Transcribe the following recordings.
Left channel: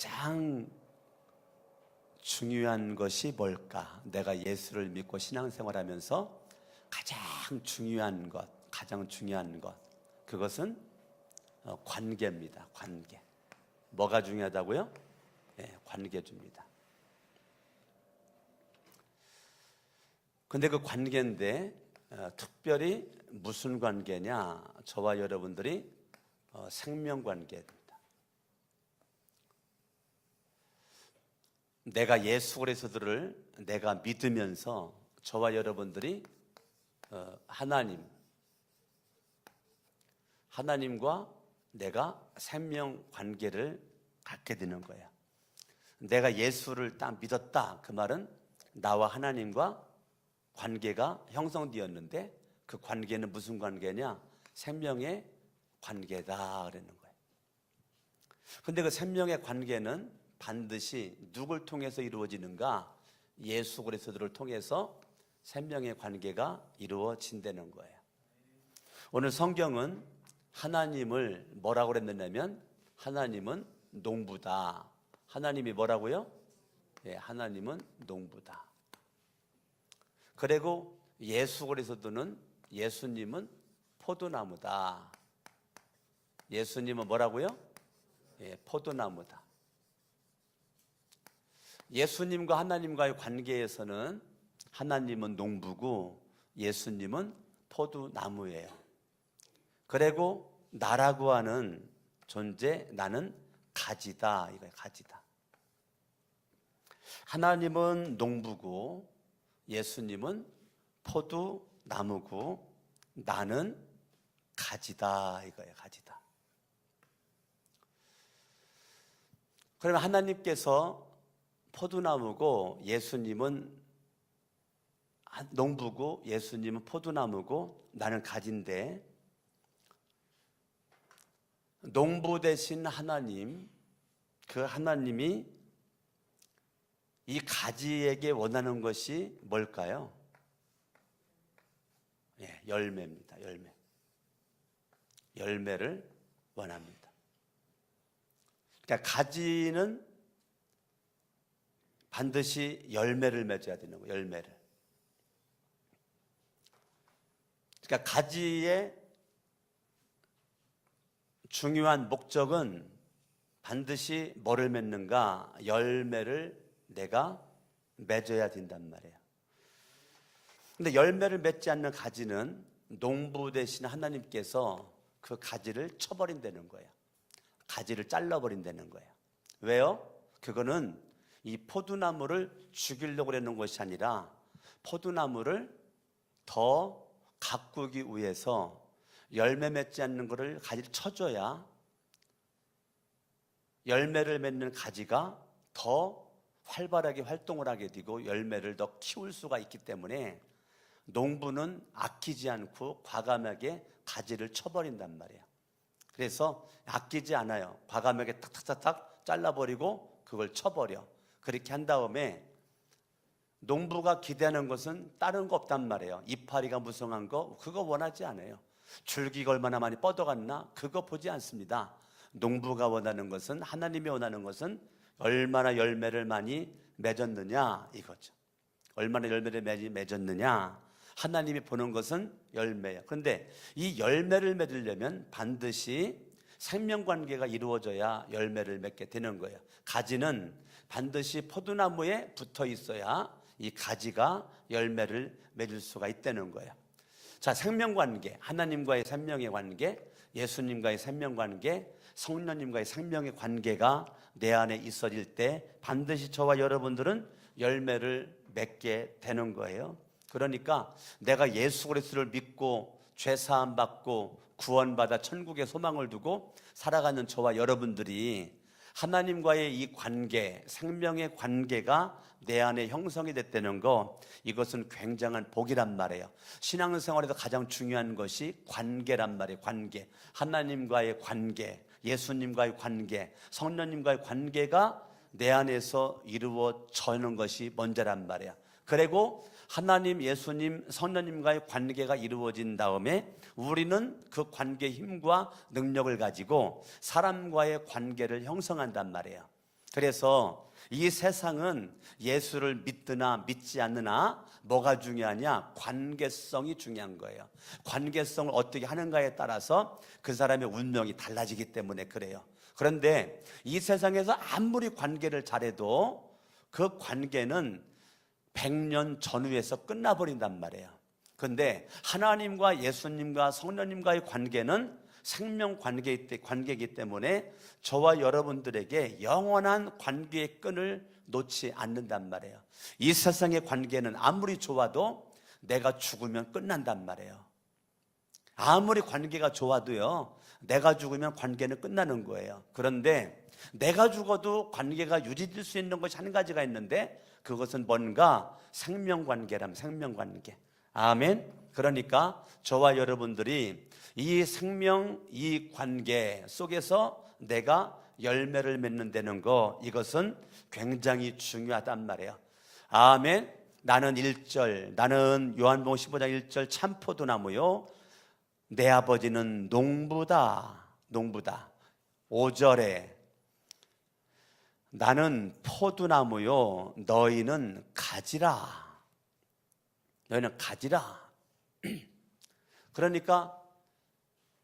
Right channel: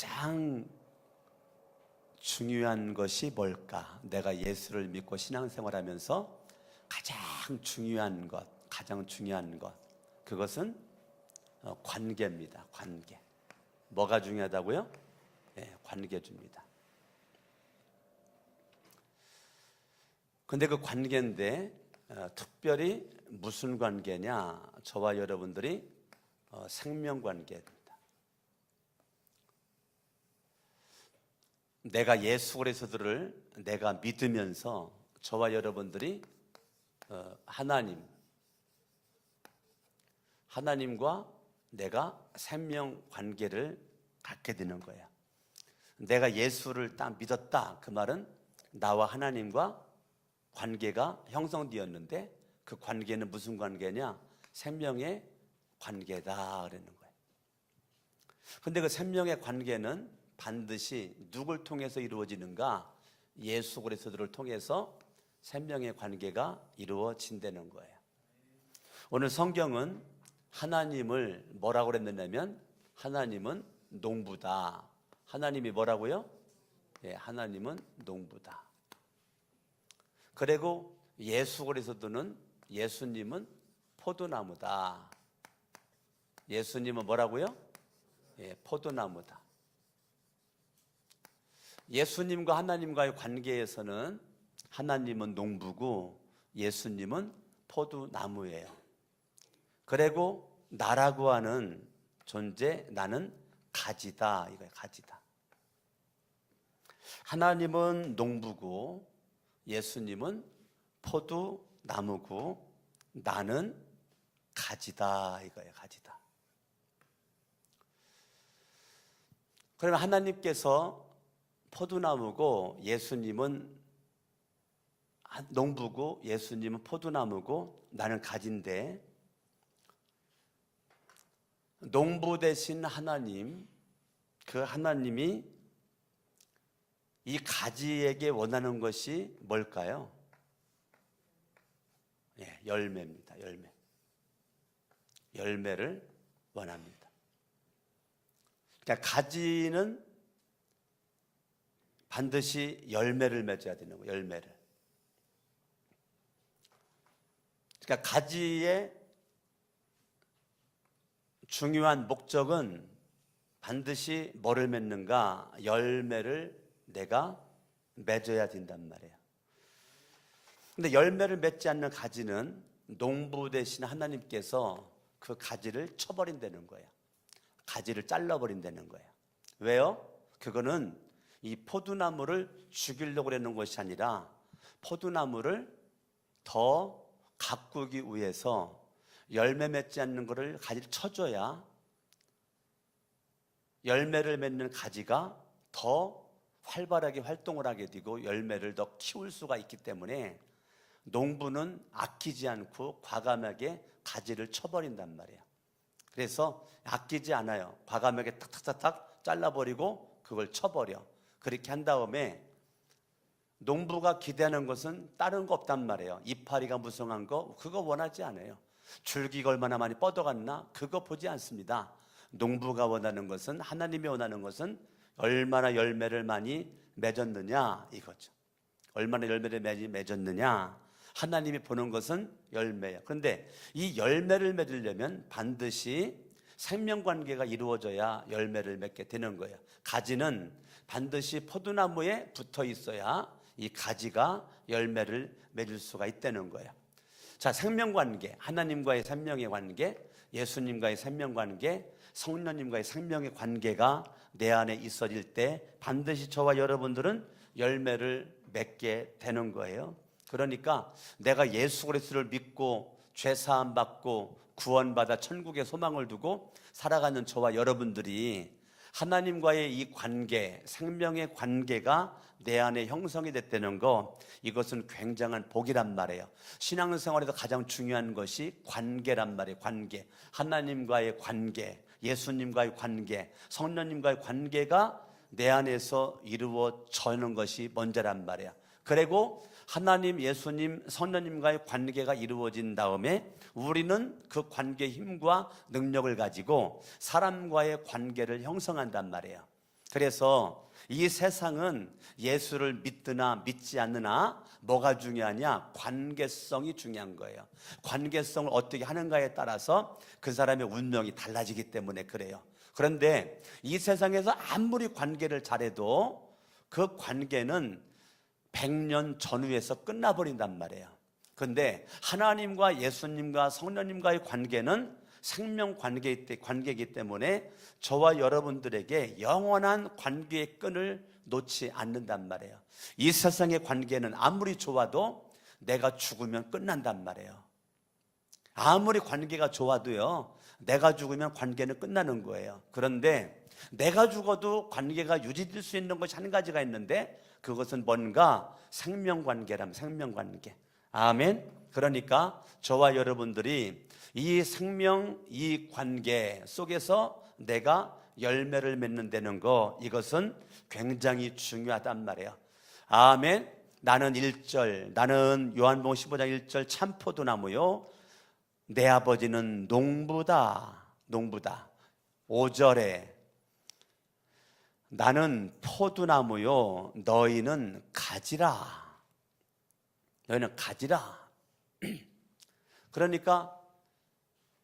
가장 중요한 것이 뭘까? 내가 예수를 믿고 신앙생활하면서 가장 중요한 것, 그것은 관계입니다. 관계. 뭐가 중요하다고요? 네, 관계줍니다. 근데 그 관계인데 특별히 무슨 관계냐? 저와 여러분들이 생명관계입니다. 내가 예수 그리스도를 내가 믿으면서 저와 여러분들이 하나님과 내가 생명관계를 갖게 되는 거예요. 내가 예수를 딱 믿었다. 그 말은 나와 하나님과 관계가 형성되었는데 그 관계는 무슨 관계냐? 생명의 관계다 그러는 거예요. 근데 그 생명의 관계는 반드시 누굴 통해서 이루어지는가? 예수 그리스도를 통해서 생명의 관계가 이루어진다는 거예요. 오늘 성경은 하나님을 뭐라고 그랬느냐면 하나님은 농부다. 하나님이 뭐라고요? 예, 하나님은 농부다. 그리고 예수 그리스도는 예수님은 포도나무다. 예수님은 뭐라고요? 예, 포도나무다. 예수님과 하나님과의 관계에서는 하나님은 농부고 예수님은 포도나무예요. 그리고 나라고 하는 존재, 나는 가지다. 이거예요, 가지다. 하나님은 농부고 예수님은 포도나무고 나는 가지다. 이거예요, 가지다. 그러면 하나님께서 포도나무고 예수님은 농부고 예수님은 포도나무고 나는 가지인데 농부 되신 하나님, 그 하나님이 이 가지에게 원하는 것이 뭘까요? 예, 열매입니다. 열매를 원합니다. 그러니까 가지는 반드시 열매를 맺어야 되는 거예요. 열매를. 그러니까 가지의 중요한 목적은 반드시 뭐를 맺는가? 열매를 내가 맺어야 된단 말이에요. 근데 열매를 맺지 않는 가지는 농부 되신 하나님께서 그 가지를 쳐버린다는 거예요. 가지를 잘라버린다는 거예요. 왜요? 그거는 이 포도나무를 죽이려고 하는 것이 아니라 포도나무를 더 가꾸기 위해서 열매 맺지 않는 것을 가지를 쳐줘야 열매를 맺는 가지가 더 활발하게 활동을 하게 되고 열매를 더 키울 수가 있기 때문에 농부는 아끼지 않고 과감하게 가지를 쳐버린단 말이에요. 그래서 아끼지 않아요. 과감하게 탁탁탁탁 잘라버리고 그걸 쳐버려. 그렇게 한 다음에 농부가 기대하는 것은 다른 거 없단 말이에요. 이파리가 무성한 거 그거 원하지 않아요. 줄기가 얼마나 많이 뻗어갔나 그거 보지 않습니다. 농부가 원하는 것은, 하나님이 원하는 것은 얼마나 열매를 많이 맺었느냐 이거죠. 얼마나 열매를 맺었느냐. 하나님이 보는 것은 열매예요. 그런데 이 열매를 맺으려면 반드시 생명관계가 이루어져야 열매를 맺게 되는 거예요. 가지는 반드시 포도나무에 붙어 있어야 이 가지가 열매를 맺을 수가 있다는 거예요. 자, 생명관계, 하나님과의 생명의 관계, 예수님과의 생명관계, 성령님과의 생명의 관계가 내 안에 있어질 때 반드시 저와 여러분들은 열매를 맺게 되는 거예요. 그러니까 내가 예수 그리스도를 믿고 죄사함 받고 구원받아 천국의 소망을 두고 살아가는 저와 여러분들이 하나님과의 이 관계, 생명의 관계가 내 안에 형성이 됐다는 거, 이것은 굉장한 복이란 말이에요. 신앙생활에서 가장 중요한 것이 관계란 말이에요. 관계. 하나님과의 관계, 예수님과의 관계, 성령님과의 관계가 내 안에서 이루어지는 것이 먼저란 말이에요. 그리고 하나님, 예수님, 성령님과의 관계가 이루어진 다음에 우리는 그 관계의 힘과 능력을 가지고 사람과의 관계를 형성한단 말이에요. 그래서 이 세상은 예수를 믿드나 믿지 않느나 뭐가 중요하냐? 관계성이 중요한 거예요. 관계성을 어떻게 하는가에 따라서 그 사람의 운명이 달라지기 때문에 그래요. 그런데 이 세상에서 아무리 관계를 잘해도 그 관계는 100년 전후에서 끝나버린단 말이에요. 그런데 하나님과 예수님과 성령님과의 관계는 생명 관계이기 때문에 저와 여러분들에게 영원한 관계의 끈을 놓지 않는단 말이에요. 이 세상의 관계는 아무리 좋아도 내가 죽으면 끝난단 말이에요. 아무리 관계가 좋아도요, 내가 죽으면 관계는 끝나는 거예요. 그런데 내가 죽어도 관계가 유지될 수 있는 것이 한 가지가 있는데 그것은 뭔가 생명관계라면 생명관계. 아멘. 그러니까 저와 여러분들이 이 생명, 이 관계 속에서 내가 열매를 맺는다는 거, 이것은 굉장히 중요하단 말이에요. 아멘. 나는 요한복음 15장 1절 참 포도나무요 내 아버지는 농부다. 5절에 나는 포도나무요 너희는 가지라. 그러니까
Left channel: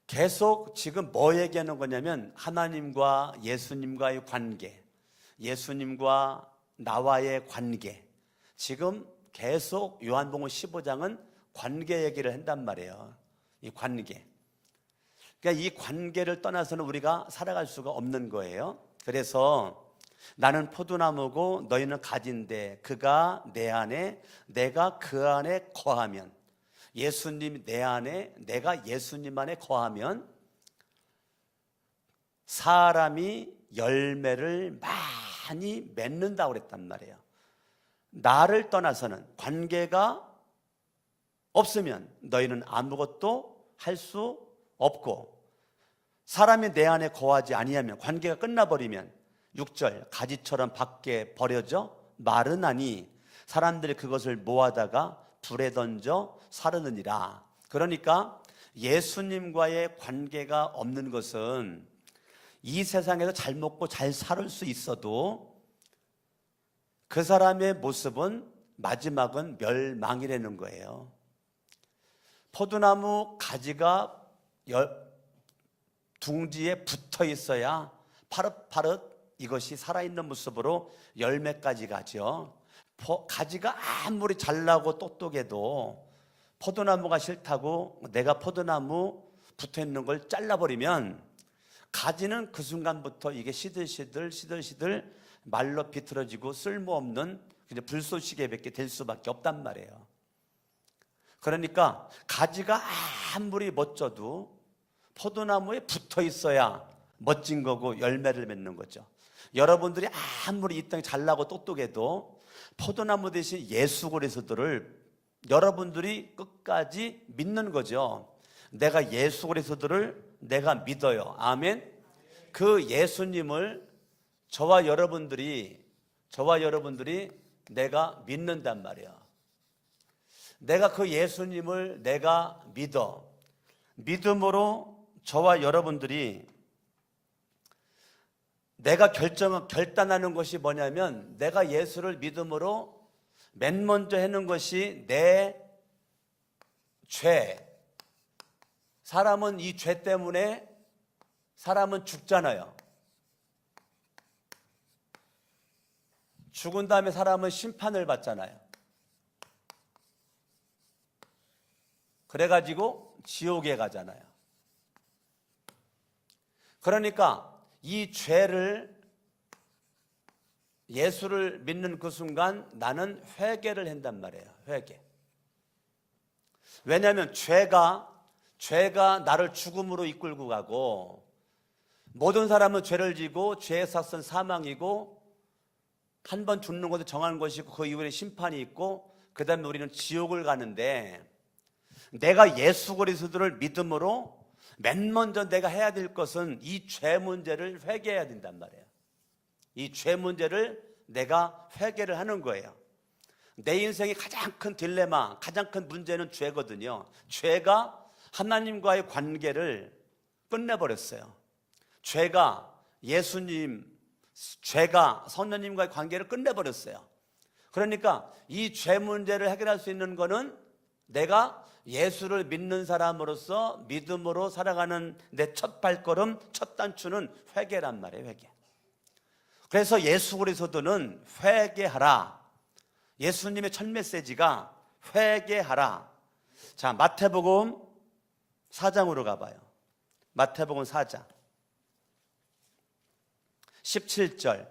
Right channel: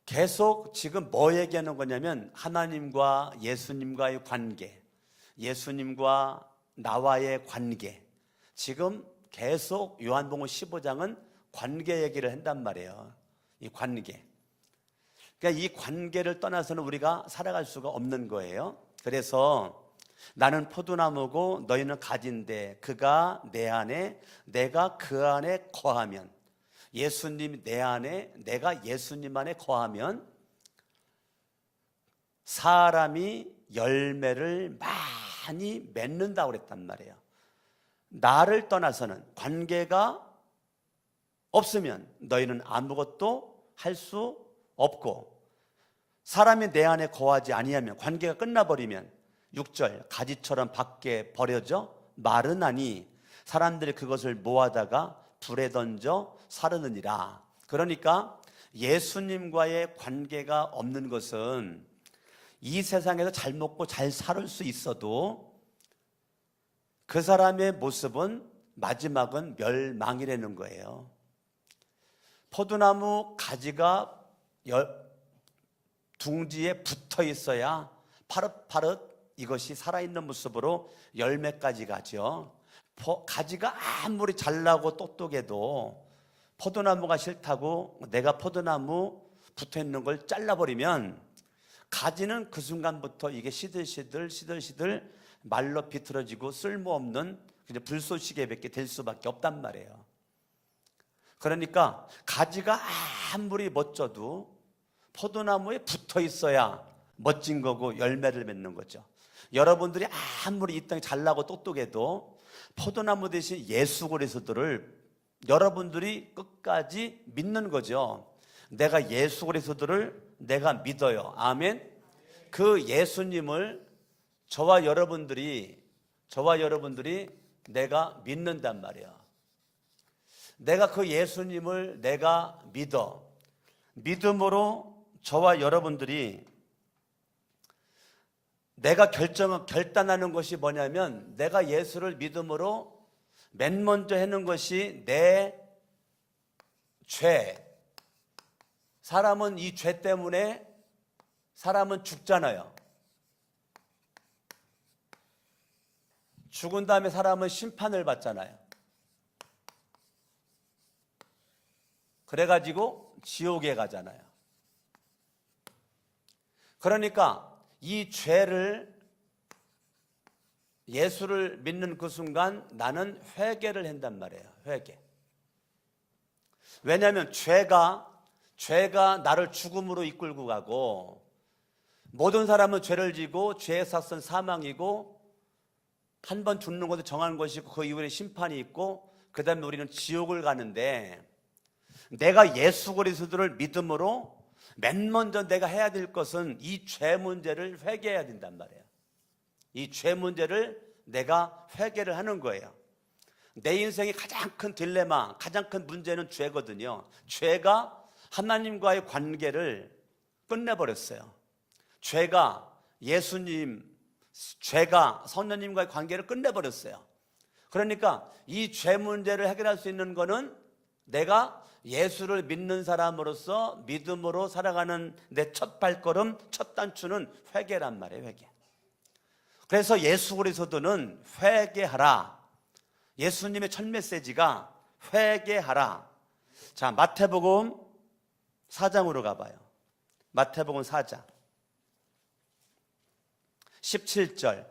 계속 지금 뭐 얘기하는 거냐면 하나님과 예수님과의 관계, 예수님과 나와의 관계. 지금 계속 요한복음 15장은 관계 얘기를 한단 말이에요. 이 관계. 그러니까 이 관계를 떠나서는 우리가 살아갈 수가 없는 거예요. 그래서 나는 포도나무고 너희는 가지인데 그가 내 안에 내가 그 안에 거하면, 예수님이 내 안에 내가 예수님 안에 거하면 사람이 열매를 많이 맺는다고 그랬단 말이에요. 나를 떠나서는, 관계가 없으면 너희는 아무것도 할 수 없고, 사람이 내 안에 거하지 아니하면, 관계가 끝나버리면 6절 가지처럼 밖에 버려져 마르나니 사람들이 그것을 모아다가 불에 던져 사르느니라. 그러니까 예수님과의 관계가 없는 것은 이 세상에서 잘 먹고 잘 살 수 있어도 그 사람의 모습은 마지막은 멸망이라는 거예요. 포도나무 가지가 둥지에 붙어 있어야 파릇파릇 이것이 살아있는 모습으로 열매까지 가죠. 가지가 아무리 잘나고 똑똑해도 포도나무가 싫다고 내가 포도나무 붙어 있는 걸 잘라버리면 가지는 그 순간부터 이게 시들시들 말로 비틀어지고 쓸모없는 불쏘시개밖에 될 수밖에 없단 말이에요. 그러니까 가지가 아무리 멋져도 포도나무에 붙어 있어야 멋진 거고 열매를 맺는 거죠. 여러분들이 아무리 이 땅에 잘나고 똑똑해도 포도나무 대신 예수 그리스도를 여러분들이 끝까지 믿는 거죠. 내가 예수 그리스도를 내가 믿어요. 아멘. 그 예수님을 저와 여러분들이 내가 믿는단 말이야. 내가 그 예수님을 내가 믿어. 믿음으로 저와 여러분들이 내가 결단하는 것이 뭐냐면, 내가 예수를 믿음으로 맨 먼저 하는 것이 내 죄. 사람은 이 죄 때문에 사람은 죽잖아요. 죽은 다음에 사람은 심판을 받잖아요. 그래가지고 지옥에 가잖아요. 그러니까 이 죄를, 예수를 믿는 그 순간 나는 회개를 한단 말이에요. 회개. 왜냐하면 죄가 나를 죽음으로 이끌고 가고, 모든 사람은 죄를 지고 죄의 삭은 사망이고, 한 번 죽는 것도 정한 것이고 그 이후에 심판이 있고 그 다음에 우리는 지옥을 가는데, 내가 예수 그리스도를 믿음으로 맨 먼저 내가 해야 될 것은 이 죄 문제를 회개해야 된단 말이에요. 이 죄 문제를 내가 회개를 하는 거예요. 내 인생의 가장 큰 딜레마, 가장 큰 문제는 죄거든요. 죄가 하나님과의 관계를 끝내버렸어요. 죄가 예수님, 죄가 성령님과의 관계를 끝내버렸어요. 그러니까 이 죄 문제를 해결할 수 있는 거는 내가 예수를 믿는 사람으로서 믿음으로 살아가는 내 첫 발걸음, 첫 단추는 회개란 말이에요. 회개. 그래서 예수 그리스도는 회개하라. 예수님의 첫 메시지가 회개하라. 자, 마태복음 4장으로 가봐요. 마태복음 4장 17절.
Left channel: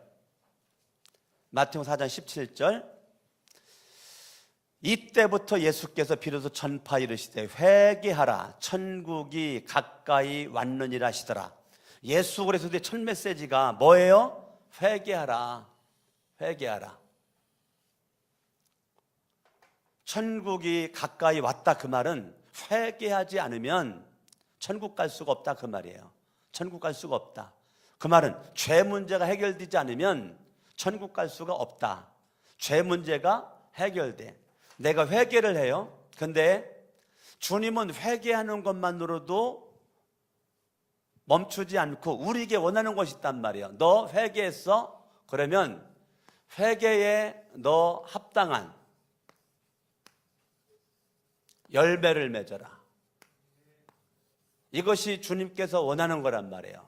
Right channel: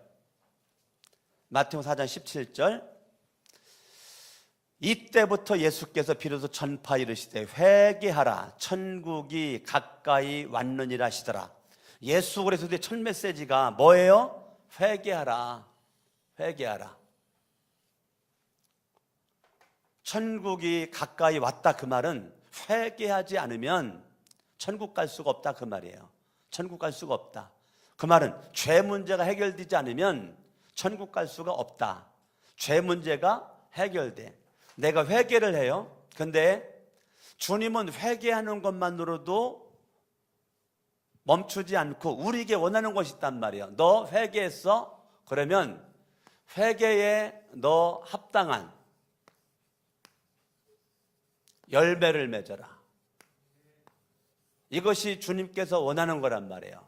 마태복음 4장 17절. 이때부터 예수께서 비로소 전파 이르시되 회개하라 천국이 가까이 왔느니라 하시더라. 예수 그리스도의 첫 메시지가 뭐예요? 회개하라. 회개하라. 천국이 가까이 왔다 그 말은 회개하지 않으면 천국 갈 수가 없다 그 말이에요. 천국 갈 수가 없다. 그 말은 죄 문제가 해결되지 않으면 천국 갈 수가 없다. 죄 문제가 해결돼. 내가 회개를 해요. 근데 주님은 회개하는 것만으로도 멈추지 않고 우리에게 원하는 것이 있단 말이에요. 너 회개했어? 그러면 회개에 너 합당한 열매를 맺어라. 이것이 주님께서 원하는 거란 말이에요.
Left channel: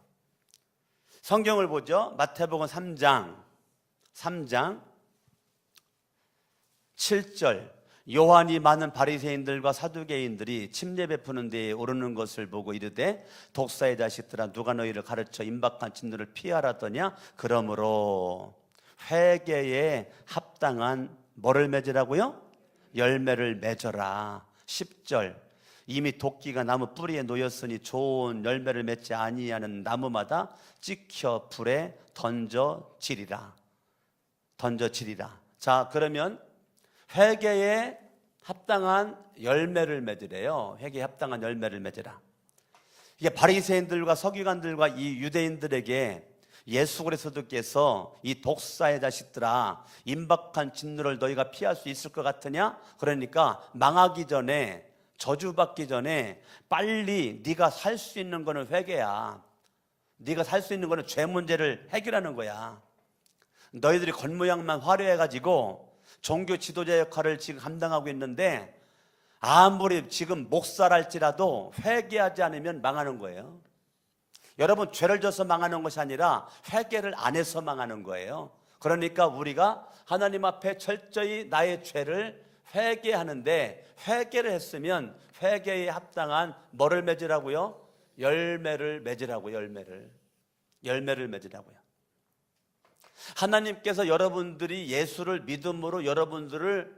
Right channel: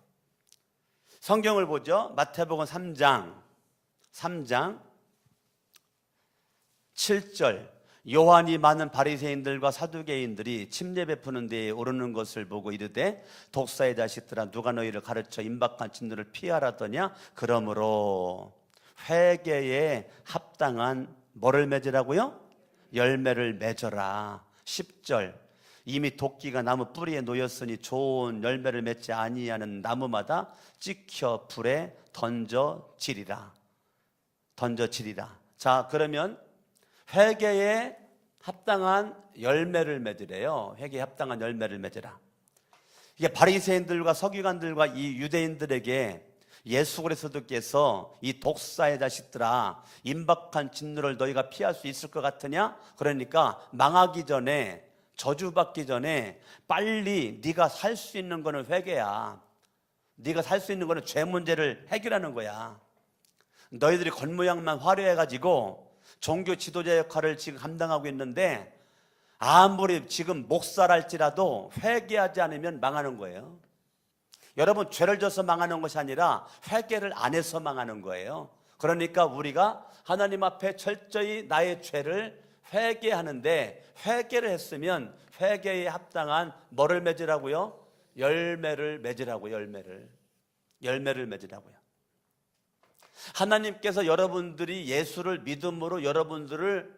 성경을 보죠. 마태복음 3장 7절. 요한이 많은 바리새인들과 사두개인들이 침례 베푸는 데에 오르는 것을 보고 이르되 독사의 자식들아 누가 너희를 가르쳐 임박한 진노를 피하라더냐. 그러므로 회개에 합당한 뭐를 맺으라고요? 열매를 맺어라. 10절. 이미 도끼가 나무 뿌리에 놓였으니 좋은 열매를 맺지 아니하는 나무마다 찍혀 불에 던져지리라. 자, 그러면 회개에 합당한 열매를 맺으래요. 회개에 합당한 열매를 맺으라. 이게 바리새인들과 서기관들과 이 유대인들에게 예수 그리스도께서 이 독사의 자식들아 임박한 진노를 너희가 피할 수 있을 것 같으냐? 그러니까 망하기 전에 저주받기 전에 빨리 네가 살 수 있는 거는 회개야. 네가 살 수 있는 거는 죄 문제를 해결하는 거야. 너희들이 겉모양만 화려해가지고 종교 지도자 역할을 지금 감당하고 있는데 아무리 지금 목사랄지라도 회개하지 않으면 망하는 거예요. 여러분, 죄를 져서 망하는 것이 아니라 회개를 안 해서 망하는 거예요. 그러니까 우리가 하나님 앞에 철저히 나의 죄를 회개하는데 회개를 했으면 회개에 합당한 뭐를 맺으라고요? 열매를 맺으라고. 열매를 맺으라고요. 하나님께서 여러분들이 예수를 믿음으로 여러분들을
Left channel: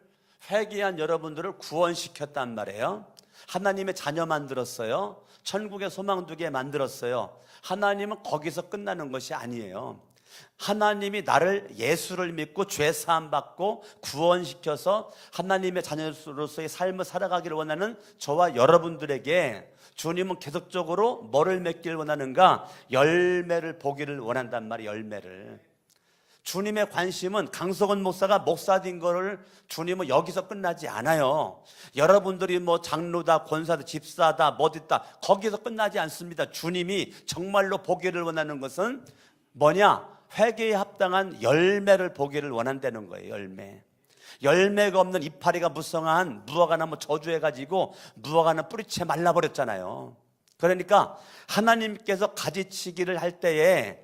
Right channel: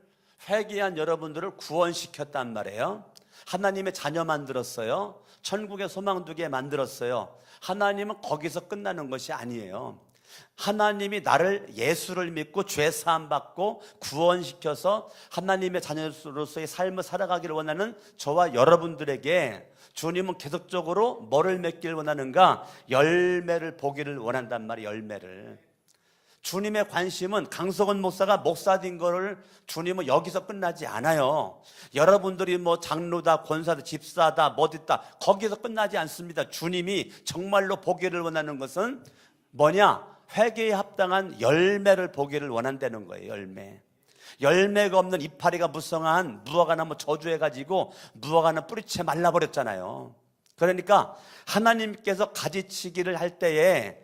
회개한 여러분들을 구원시켰단 말이에요. 하나님의 자녀 만들었어요. 천국의 소망 두게 만들었어요. 하나님은 거기서 끝나는 것이 아니에요. 하나님이 나를 예수를 믿고 죄 사함 받고 구원시켜서 하나님의 자녀로서의 삶을 살아가기를 원하는 저와 여러분들에게 주님은 계속적으로 뭐를 맺기를 원하는가? 열매를 보기를 원한단 말이에요. 열매를. 주님의 관심은 강석원 목사가 목사된 거를 주님은 여기서 끝나지 않아요. 여러분들이 뭐 장로다, 권사다, 집사다, 뭐됐다 거기서 끝나지 않습니다. 주님이 정말로 보기를 원하는 것은 뭐냐? 회개에 합당한 열매를 보기를 원한다는 거예요. 열매가 없는 이파리가 무성한 무화과 나무 저주해가지고 무화과 나무 뿌리채 말라버렸잖아요. 그러니까 하나님께서 가지치기를 할 때에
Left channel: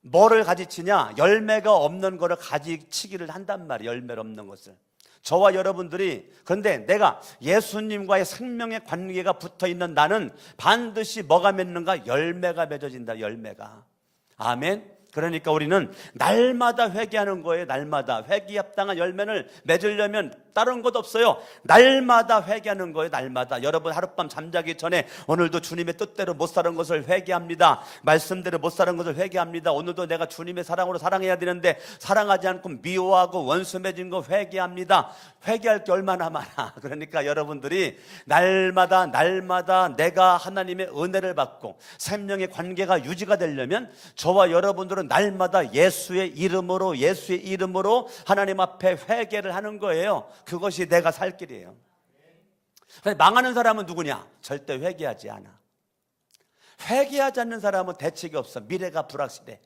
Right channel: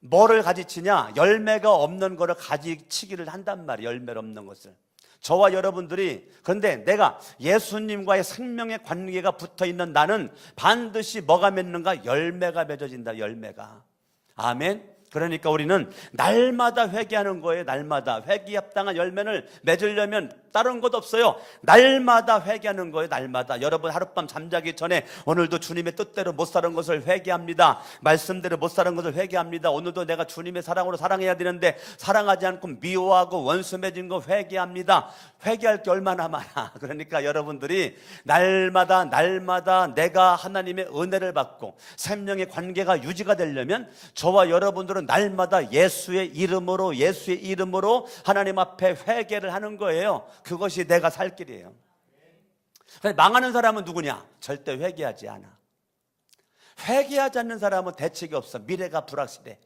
뭐를 가지치냐? 열매가 없는 거를 가지치기를 한단 말이에요. 열매가 없는 것을. 저와 여러분들이, 그런데 내가 예수님과의 생명의 관계가 붙어있는 나는 반드시 뭐가 맺는가? 열매가 맺어진다. 열매가. 아멘. 그러니까 우리는 날마다 회개하는 거예요. 날마다 회개에 합당한 열매를 맺으려면 다른 것 없어요. 날마다 회개하는 거예요. 날마다. 여러분 하룻밤 잠자기 전에 오늘도 주님의 뜻대로 못 사는 것을 회개합니다. 말씀대로 못 사는 것을 회개합니다. 오늘도 내가 주님의 사랑으로 사랑해야 되는데 사랑하지 않고 미워하고 원수 맺은 거 회개합니다. 회개할 게 얼마나 많아. 그러니까 여러분들이 날마다 내가 하나님의 은혜를 받고 생명의 관계가 유지가 되려면 저와 여러분들은 날마다 예수의 이름으로 하나님 앞에 회개를 하는 거예요. 그것이 내가 살 길이에요. 망하는 사람은 누구냐? 절대 회개하지 않아. 회개하지 않는 사람은 대책이 없어. 미래가 불확실해.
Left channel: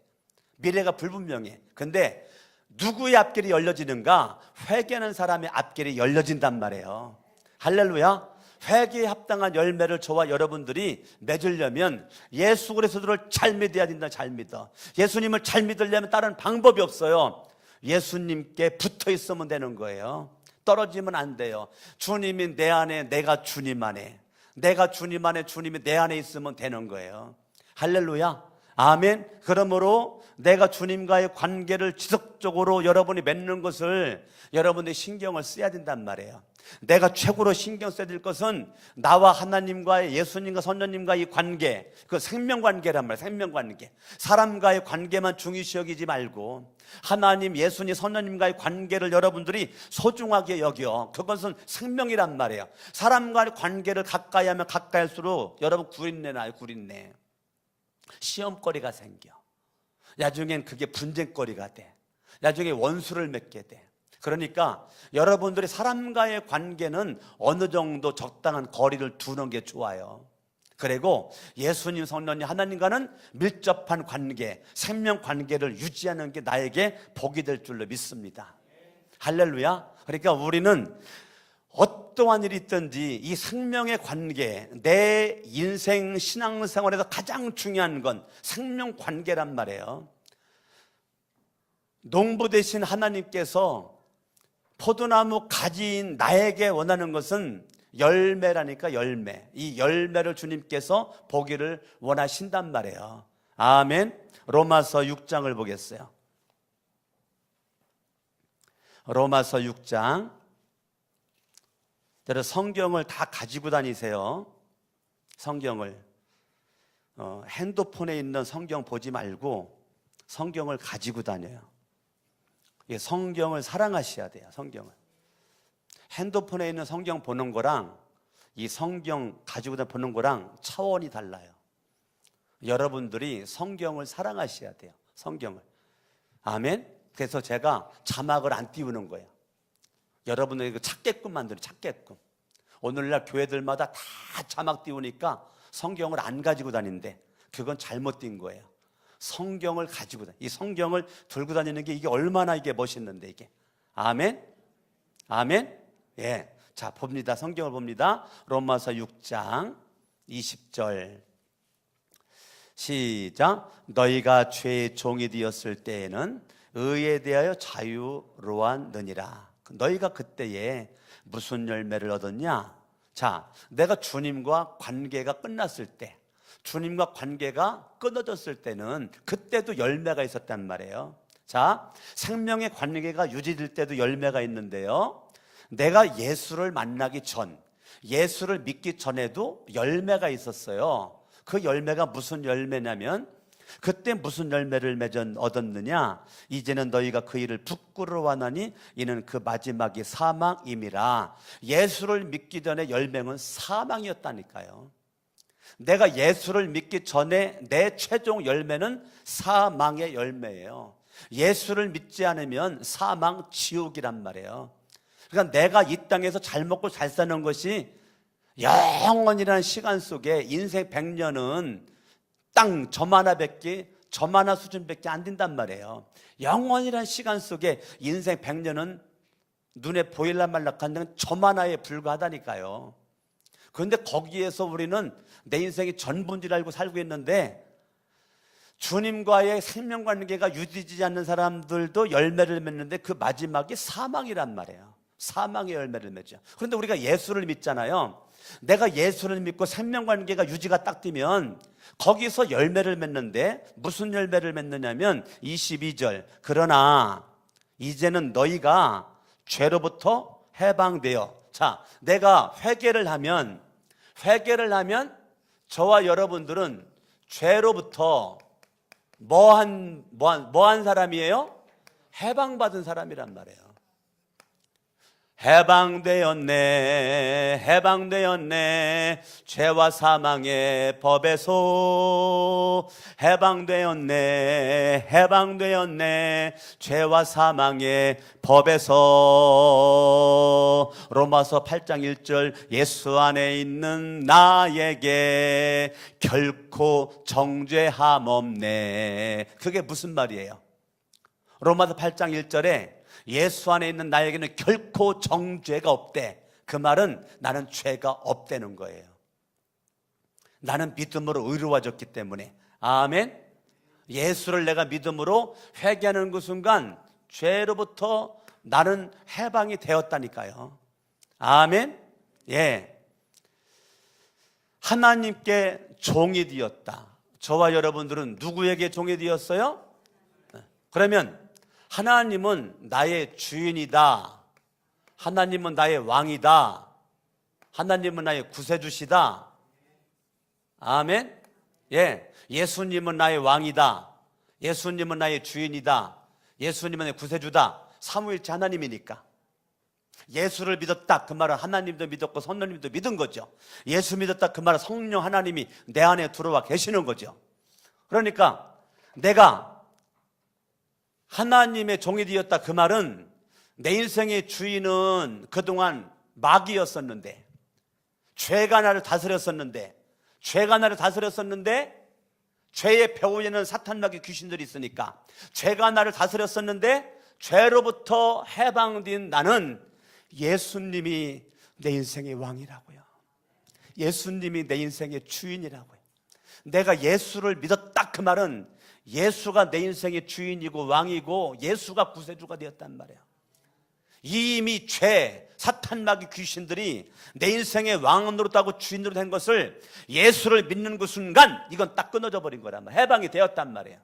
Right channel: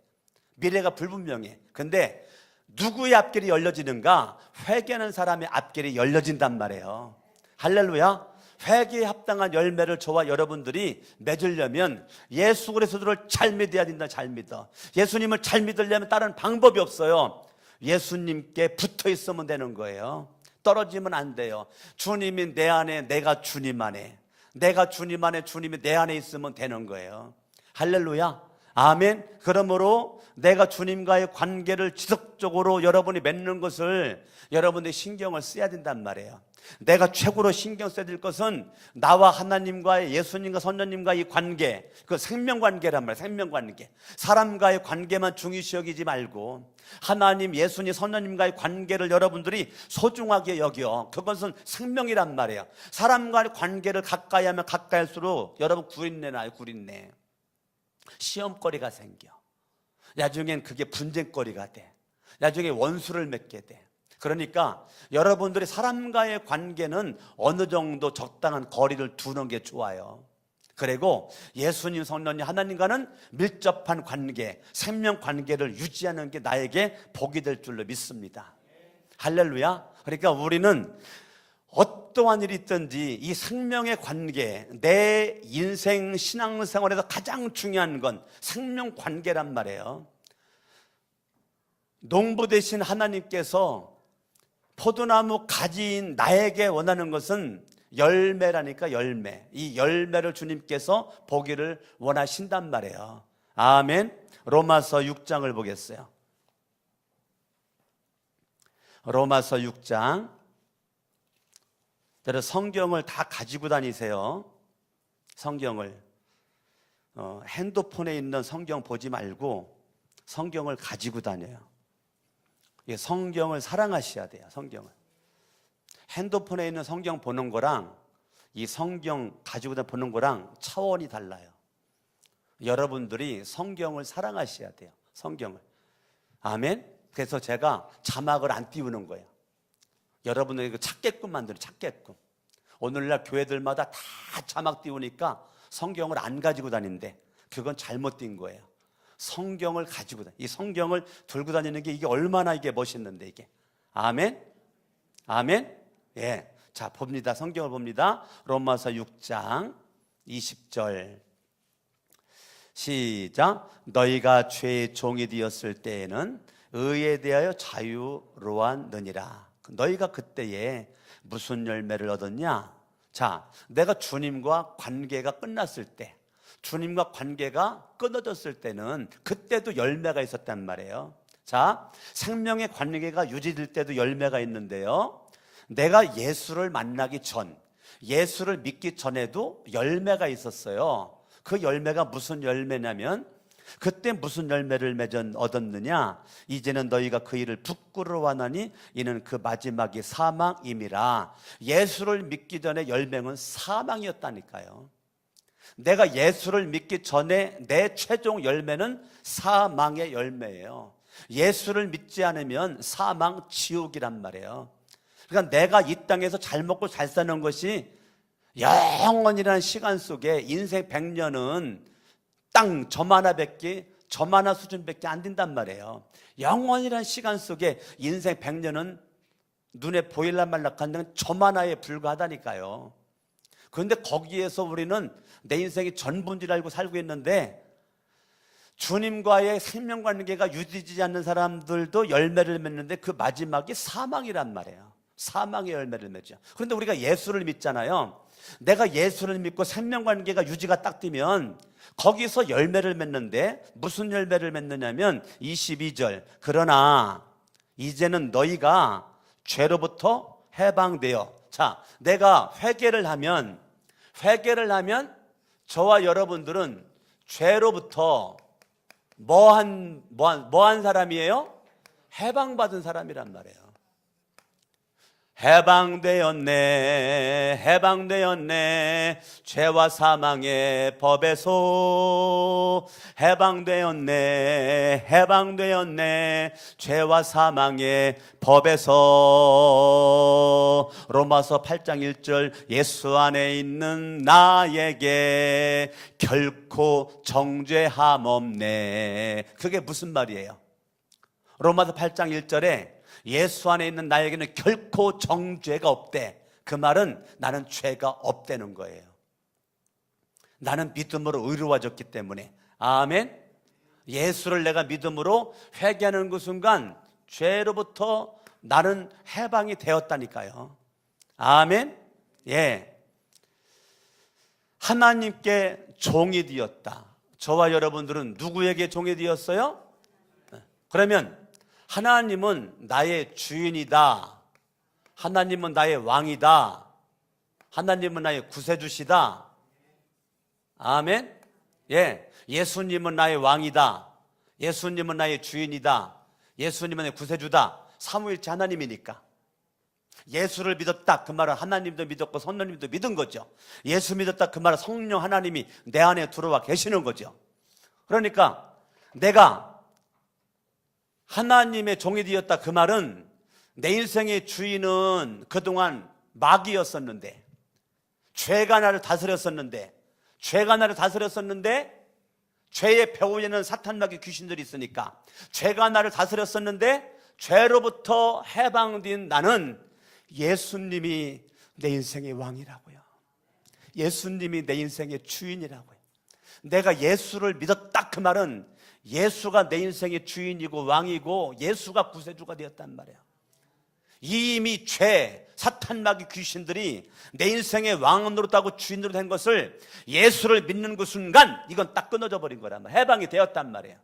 미래가 불분명해. 근데 누구의 앞길이 열려지는가? 회개하는 사람의 앞길이 열려진단 말이에요. 할렐루야. 회개에 합당한 열매를 저와 여러분들이 맺으려면 예수 그리스도를 잘 믿어야 된다. 잘 믿어. 예수님을 잘 믿으려면 다른 방법이 없어요. 예수님께 붙어 있으면 되는 거예요. 떨어지면 안 돼요. 주님이 내 안에, 내가 주님 안에, 내가 주님 안에, 주님이 내 안에 있으면 되는 거예요. 할렐루야. 아멘. 그러므로 내가 주님과의 관계를 지속적으로 여러분이 맺는 것을 여러분이 신경을 써야 된단 말이에요. 내가 최고로 신경 써야 될 것은 나와 하나님과의, 예수님과 선녀님과의 관계, 그 생명관계란 말이에요. 생명관계. 사람과의 관계만 중요시 여기지 말고 하나님, 예수님, 선녀님과의 관계를 여러분들이 소중하게 여겨. 그것은 생명이란 말이에요. 사람과의 관계를 가까이 하면 가까이 할수록 여러분 구린내 나요. 구린내. 시험거리가 생겨. 나중엔 그게 분쟁거리가 돼. 나중에 원수를 맺게 돼. 그러니까 여러분들이 사람과의 관계는 어느 정도 적당한 거리를 두는 게 좋아요. 그리고 예수님, 성령님, 하나님과는 밀접한 관계, 생명 관계를 유지하는 게 나에게 복이 될 줄로 믿습니다. 할렐루야. 그러니까 우리는 어떠한 일이 있든지 이 생명의 관계, 내 인생 신앙생활에서 가장 중요한 건 생명 관계란 말이에요. 농부 되신 하나님께서 포도나무 가지인 나에게 원하는 것은 열매라니까, 열매. 이 열매를 주님께서 보기를 원하신단 말이에요. 아멘. 로마서 6장을 보겠어요. 로마서 6장. 성경을 다 가지고 다니세요. 성경을. 핸드폰에 있는 성경 보지 말고 성경을 가지고 다녀요. 성경을 사랑하셔야 돼요. 성경을. 핸드폰에 있는 성경 보는 거랑 이 성경 가지고 보는 거랑 차원이 달라요. 여러분들이 성경을 사랑하셔야 돼요. 성경을. 아멘. 그래서 제가 자막을 안 띄우는 거예요. 여러분들이 찾게끔 만들어요. 찾게끔. 오늘날 교회들마다 다 자막 띄우니까 성경을 안 가지고 다니는데 그건 잘못 띈 거예요. 성경을 가지고 이 성경을 들고 다니는 게 이게 얼마나 이게 멋있는데 이게. 아멘. 아멘. 예. 자, 봅니다. 성경을 봅니다. 로마서 6장 20절. 시작. 너희가 죄의 종이 되었을 때에는 의에 대하여 자유로웠느니라. 너희가 그때에 무슨 열매를 얻었냐? 자, 내가 주님과 관계가 끝났을 때, 주님과 관계가 끊어졌을 때는 그때도 열매가 있었단 말이에요. 자, 생명의 관계가 유지될 때도 열매가 있는데요. 내가 예수를 만나기 전, 예수를 믿기 전에도 열매가 있었어요. 그 열매가 무슨 열매냐면 그때 무슨 열매를 얻었느냐? 이제는 너희가 그 일을 부끄러워하나니 이는 그 마지막이 사망임이라. 예수를 믿기 전에 열매는 사망이었다니까요. 내가 예수를 믿기 전에 내 최종 열매는 사망의 열매예요. 예수를 믿지 않으면 사망 지옥이란 말이에요. 그러니까 내가 이 땅에서 잘 먹고 잘 사는 것이 영원이라는 시간 속에 인생 100년은 땅 점 하나밖에, 점 하나 수준밖에 안 된단 말이에요. 영원이라는 시간 속에 인생 100년은 눈에 보일라 말라 하는 점 하나에 불과하다니까요. 그런데 거기에서 우리는 내 인생이 전부인 줄 알고 살고 있는데 주님과의 생명관계가 유지되지 않는 사람들도 열매를 맺는데 그 마지막이 사망이란 말이에요. 사망의 열매를 맺죠. 그런데 우리가 예수를 믿잖아요. 내가 예수를 믿고 생명관계가 유지가 딱 되면 거기서 열매를 맺는데 무슨 열매를 맺느냐면 22절. 그러나 이제는 너희가 죄로부터 해방되어. 자, 내가 회개를 하면 저와 여러분들은 죄로부터 뭐한 사람이에요? 해방받은 사람이란 말이에요. 해방되었네, 해방되었네, 죄와 사망의 법에서. 해방되었네, 해방되었네, 죄와 사망의 법에서. 로마서 8장 1절, 예수 안에 있는 나에게 결코 정죄함 없네. 그게 무슨 말이에요? 로마서 8장 1절에 예수 안에 있는 나에게는 결코 정죄가 없대. 그 말은 나는 죄가 없다는 거예요. 나는 믿음으로 의로워졌기 때문에. 아멘. 예수를 내가 믿음으로 회개하는 그 순간 죄로부터 나는 해방이 되었다니까요. 아멘. 예. 하나님께 종이 되었다. 저와 여러분들은 누구에게 종이 되었어요? 그러면 하나님은 나의 주인이다. 하나님은 나의 왕이다. 하나님은 나의 구세주시다. 아멘. 예. 예수님은 나의 왕이다. 예수님은 나의 주인이다. 예수님은 나의 구세주다. 삼위일체 하나님이니까. 예수를 믿었다. 그 말은 하나님도 믿었고 성령님도 믿은 거죠. 예수 믿었다. 그 말은 성령 하나님이 내 안에 들어와 계시는 거죠. 그러니까 내가 하나님의 종이 되었다. 그 말은 내 인생의 주인은 그동안 마귀였었는데, 죄가 나를 다스렸었는데, 죄의 배후에는 사탄 마귀 귀신들이 있으니까 죄가 나를 다스렸었는데, 죄로부터 해방된 나는 예수님이 내 인생의 왕이라고요. 예수님이 내 인생의 주인이라고요. 내가 예수를 믿었다. 그 말은 예수가 내 인생의 주인이고 왕이고 예수가 구세주가 되었단 말이야. 이미 죄, 사탄 마귀 귀신들이 내 인생의 왕으로 하고 주인으로 된 것을 예수를 믿는 그 순간 이건 딱 끊어져 버린 거란 말이야. 해방이 되었단 말이야.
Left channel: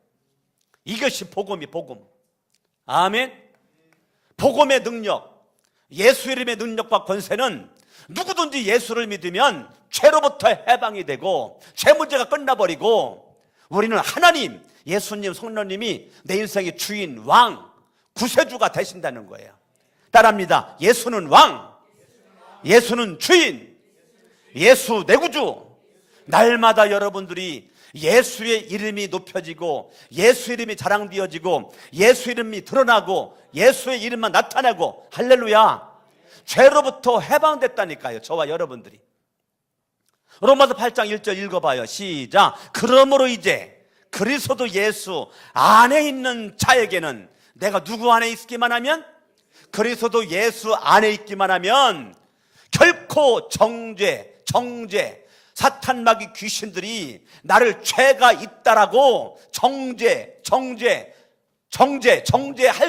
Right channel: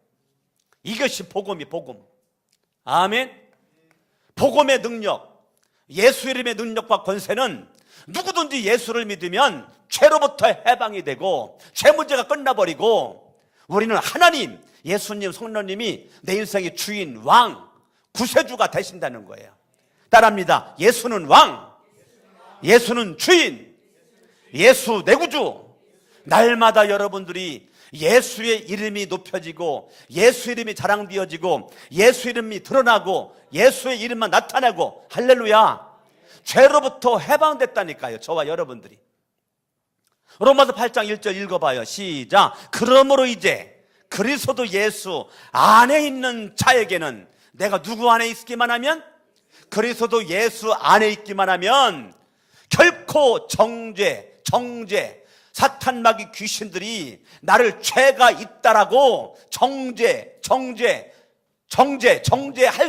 이것이 복음이 복음. 아멘. 복음의 능력, 예수 이름의 능력과 권세는 누구든지 예수를 믿으면 죄로부터 해방이 되고 죄 문제가 끝나버리고 우리는 하나님, 예수님, 성령님이 내 인생의 주인, 왕, 구세주가 되신다는 거예요. 따라합니다. 예수는 왕, 예수는 주인, 예수 내 구주. 날마다 여러분들이 예수의 이름이 높여지고 예수 이름이 자랑되어지고 예수 이름이 드러나고 예수의 이름만 나타내고 할렐루야. 죄로부터 해방됐다니까요. 저와 여러분들이. 로마서 8장 1절 읽어봐요. 시작. 그러므로 이제 그리스도 예수 안에 있는 자에게는, 내가 누구 안에 있기만 하면, 그리스도 예수 안에 있기만 하면 결코 정죄, 사탄 마귀 귀신들이 나를 죄가 있다라고 정죄할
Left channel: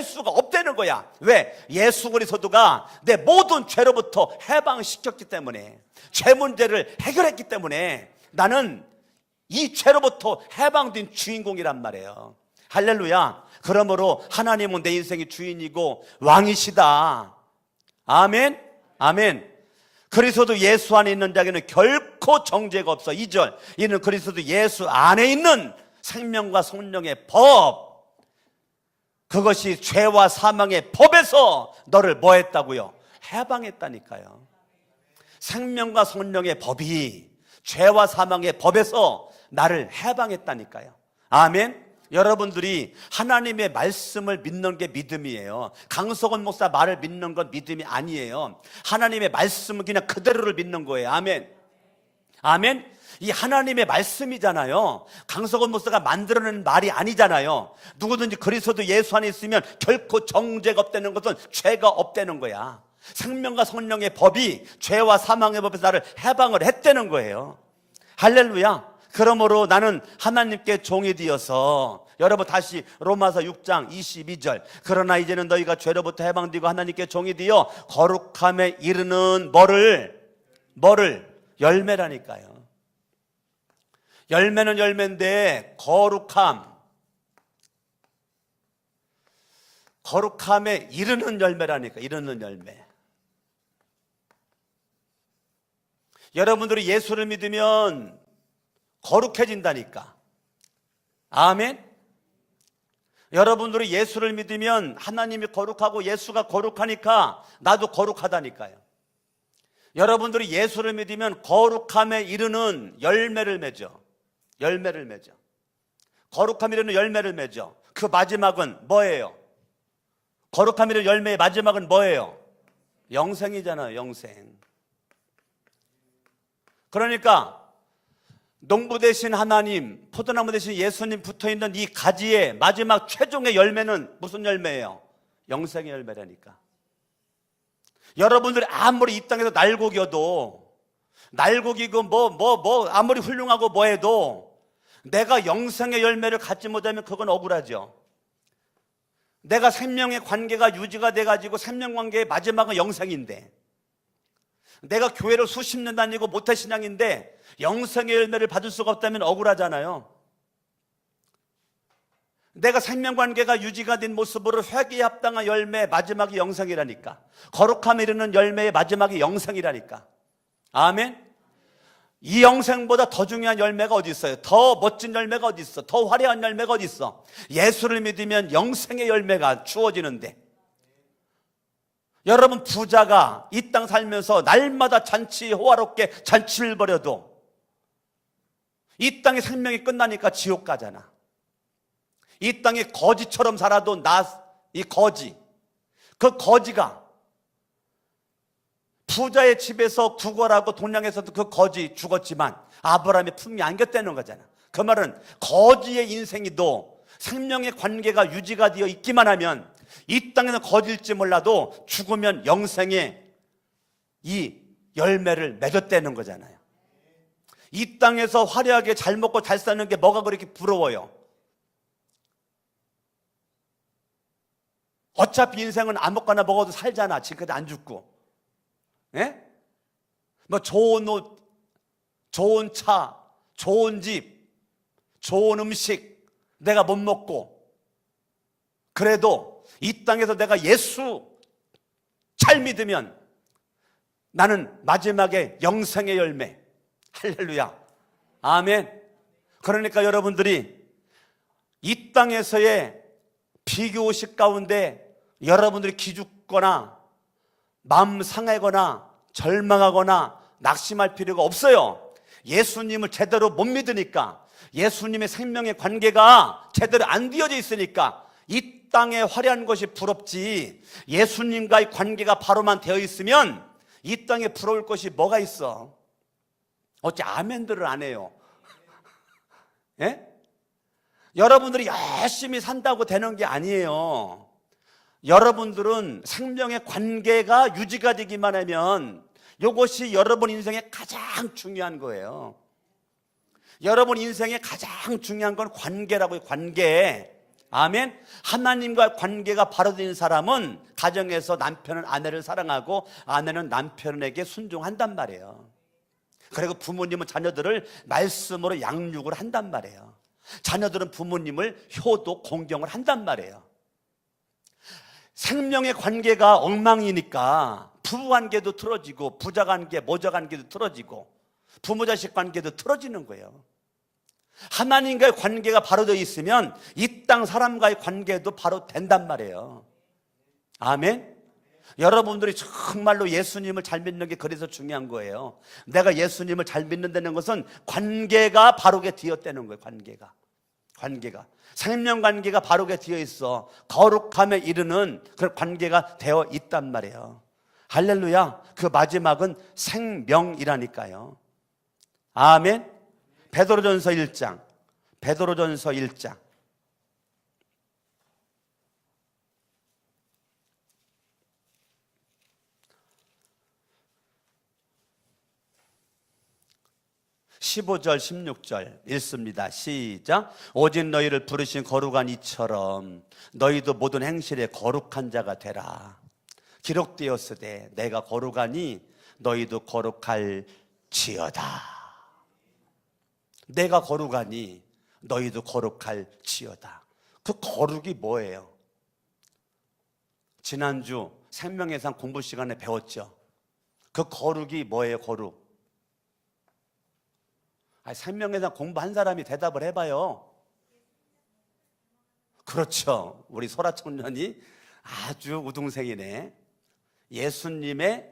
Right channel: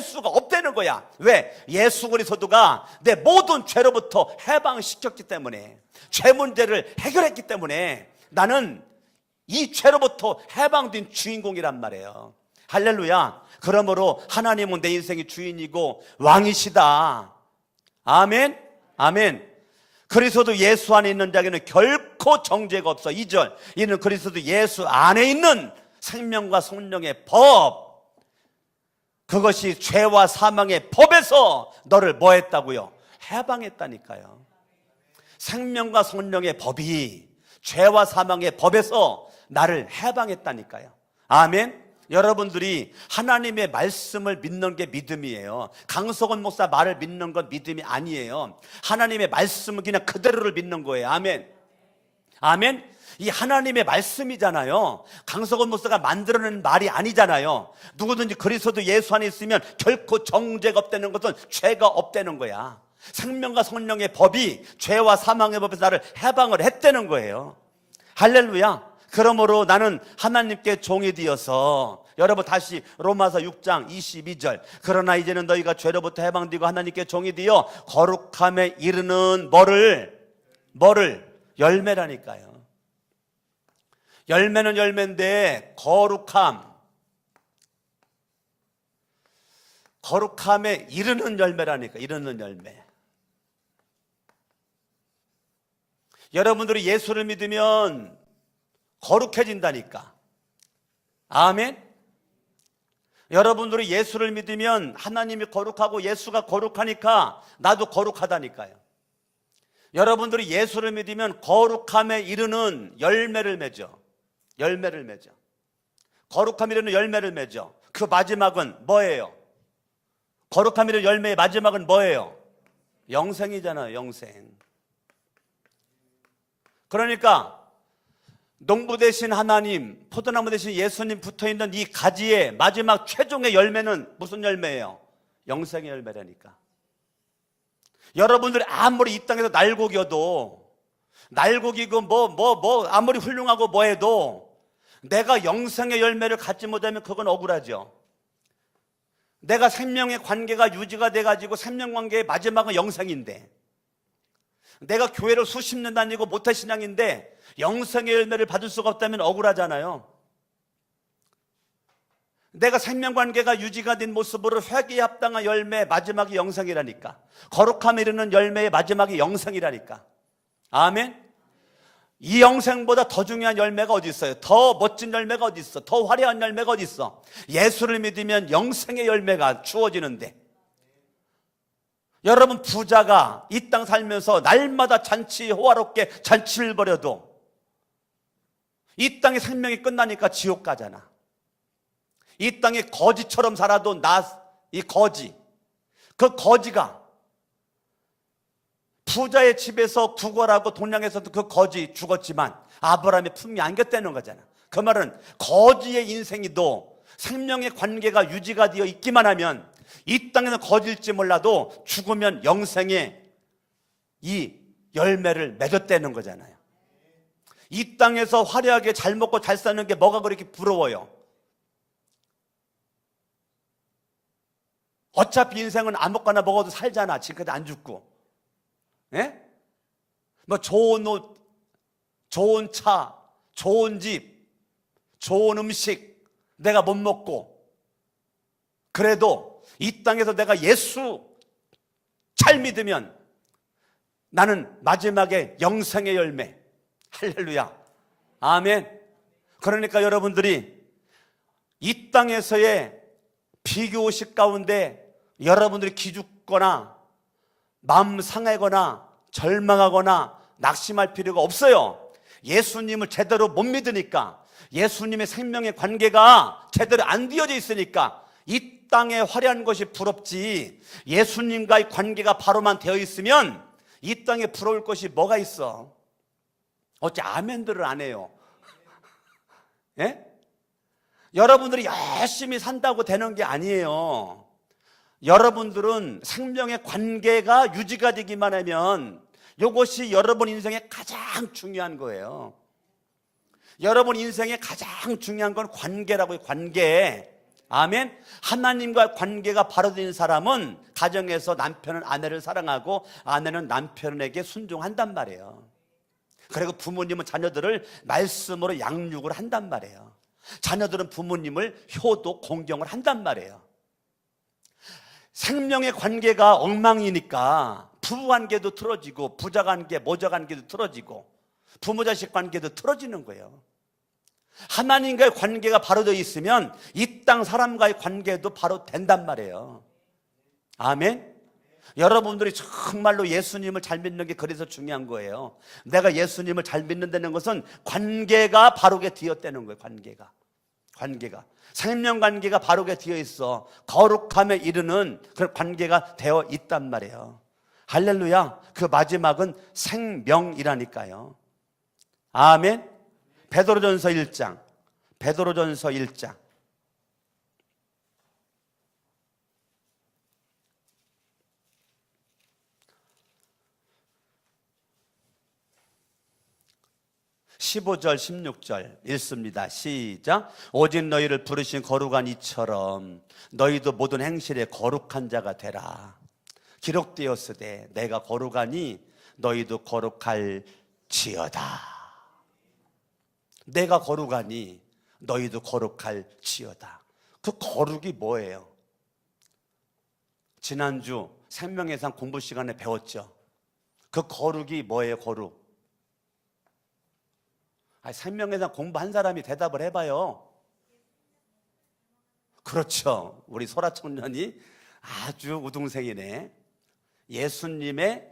수가 없다는 거야. 왜? 예수 그리스도가 내 모든 죄로부터 해방시켰기 때문에, 죄 문제를 해결했기 때문에 나는 이 죄로부터 해방된 주인공이란 말이에요. 할렐루야. 그러므로 하나님은 내 인생의 주인이고 왕이시다. 아멘. 아멘. 그리스도 예수 안에 있는 자에게는 결코 정죄가 없어. 2절. 이는 그리스도 예수 안에 있는 생명과 성령의 법, 그것이 죄와 사망의 법에서 너를 뭐 했다고요? 해방했다니까요. 생명과 성령의 법이 죄와 사망의 법에서 나를 해방했다니까요. 아멘. 여러분들이 하나님의 말씀을 믿는 게 믿음이에요. 강석원 목사 말을 믿는 건 믿음이 아니에요. 하나님의 말씀은 그냥 그대로를 믿는 거예요. 아멘. 아멘. 이 하나님의 말씀이잖아요. 강석원 목사가 만들어낸 말이 아니잖아요. 누구든지 그리스도 예수 안에 있으면 결코 정죄가 없다는 것은 죄가 없다는 거야. 생명과 성령의 법이 죄와 사망의 법에서 나를 해방을 했다는 거예요. 할렐루야. 그러므로 나는 하나님께 종이 되어서, 여러분 다시 로마서 6장 22절. 그러나 이제는 너희가 죄로부터 해방되고 하나님께 종이 되어 거룩함에 이르는 뭐를? 열매라니까요. 열매는 열매인데 거룩함에 이르는 열매라니까. 이르는 열매. 여러분들이 예수를 믿으면 거룩해진다니까. 아멘. 여러분들이 예수를 믿으면 하나님이 거룩하고 예수가 거룩하니까 나도 거룩하다니까요. 여러분들이 예수를 믿으면 거룩함에 이르는 열매를 맺어. 열매를 맺어. 거룩함에 이르는 열매를 맺어. 그 마지막은 뭐예요? 거룩함에 이르는 열매의 마지막은 뭐예요? 영생이잖아요. 영생. 그러니까 농부 되신 하나님, 포도나무 되신 예수님 붙어있는 이 가지의 마지막 최종의 열매는 무슨 열매예요? 영생의 열매라니까. 여러분들이 아무리 이 땅에서 날고겨도, 날고기고 아무리 훌륭하고 뭐해도 내가 영생의 열매를 갖지 못하면 그건 억울하죠. 내가 생명의 관계가 유지가 돼가지고 생명관계의 마지막은 영생인데, 내가 교회를 수십 년 다니고 모태신앙인데 영생의 열매를 받을 수가 없다면 억울하잖아요. 내가 생명관계가 유지가 된 모습으로 회개에 합당한 열매 마지막이 영생이라니까. 거룩함에 이르는 열매의 마지막이 영생이라니까. 아멘. 이 영생보다 더 중요한 열매가 어디 있어요? 더 멋진 열매가 어디 있어? 더 화려한 열매가 어디 있어? 예수를 믿으면 영생의 열매가 주어지는데, 여러분 부자가 이 땅 살면서 날마다 잔치 호화롭게 잔치를 벌여도 이 땅의 생명이 끝나니까 지옥 가잖아. 이 땅이 거지처럼 살아도 이 거지, 그 거지가 부자의 집에서 구걸하고 동양에서도 그 거지 죽었지만 아브라함의 품이 안겼다는 거잖아. 그 말은 거지의 인생이도 생명의 관계가 유지가 되어 있기만 하면 이 땅에는 거지일지 몰라도 죽으면 영생의 이 열매를 맺었다는 거잖아요. 이 땅에서 화려하게 잘 먹고 잘 사는 게 뭐가 그렇게 부러워요? 어차피 인생은 아무거나 먹어도 살잖아. 지금까지 안 죽고. 예? 뭐 좋은 옷, 좋은 차, 좋은 집, 좋은 음식 내가 못 먹고, 그래도 이 땅에서 내가 예수 잘 믿으면 나는 마지막에 영생의 열매. 할렐루야. 아멘. 그러니까 여러분들이 이 땅에서의 비교의식 가운데 여러분들이 기죽거나 마음 상하거나 절망하거나 낙심할 필요가 없어요. 예수님을 제대로 못 믿으니까, 예수님의 생명의 관계가 제대로 안 되어져 있으니까 이 땅에 화려한 것이 부럽지, 예수님과의 관계가 바로만 되어 있으면 이 땅에 부러울 것이 뭐가 있어? 어째 아멘들을 안 해요? 예? 여러분들이 열심히 산다고 되는 게 아니에요. 여러분들은 생명의 관계가 유지가 되기만 하면 이것이 여러분 인생의 가장 중요한 거예요. 여러분 인생의 가장 중요한 건 관계라고요. 관계. 아멘. 하나님과 관계가 바로 된 사람은 가정에서 남편은 아내를 사랑하고 아내는 남편에게 순종한단 말이에요. 그리고 부모님은 자녀들을 말씀으로 양육을 한단 말이에요. 자녀들은 부모님을 효도 공경을 한단 말이에요. 생명의 관계가 엉망이니까 부부관계도 틀어지고 부자관계, 모자관계도 틀어지고 부모자식 관계도 틀어지는 거예요. 하나님과의 관계가 바로 되어 있으면 이 땅 사람과의 관계도 바로 된단 말이에요. 아멘. 여러분들이 정말로 예수님을 잘 믿는 게 그래서 중요한 거예요. 내가 예수님을 잘 믿는다는 것은 관계가 바르게 되었다는 거예요. 관계가 생명관계가 바르게 되어 있어. 거룩함에 이르는 그런 관계가 되어 있단 말이에요. 할렐루야. 그 마지막은 생명이라니까요. 아멘. 베드로전서 1장. 15절 16절 읽습니다. 시작. 오직 너희를 부르신 거룩한 이처럼 너희도 모든 행실에 거룩한 자가 되라. 기록되었으되 내가 거룩하니 너희도 거룩할지어다. 내가 거룩하니 너희도 거룩할지어다. 그 거룩이 뭐예요? 지난주 생명의 상 공부 시간에 배웠죠. 그 거룩이 뭐예요? 거룩. 생명의 상 공부한 사람이 대답을 해봐요. 그렇죠. 우리 소라 청년이 아주 우등생이네. 예수님의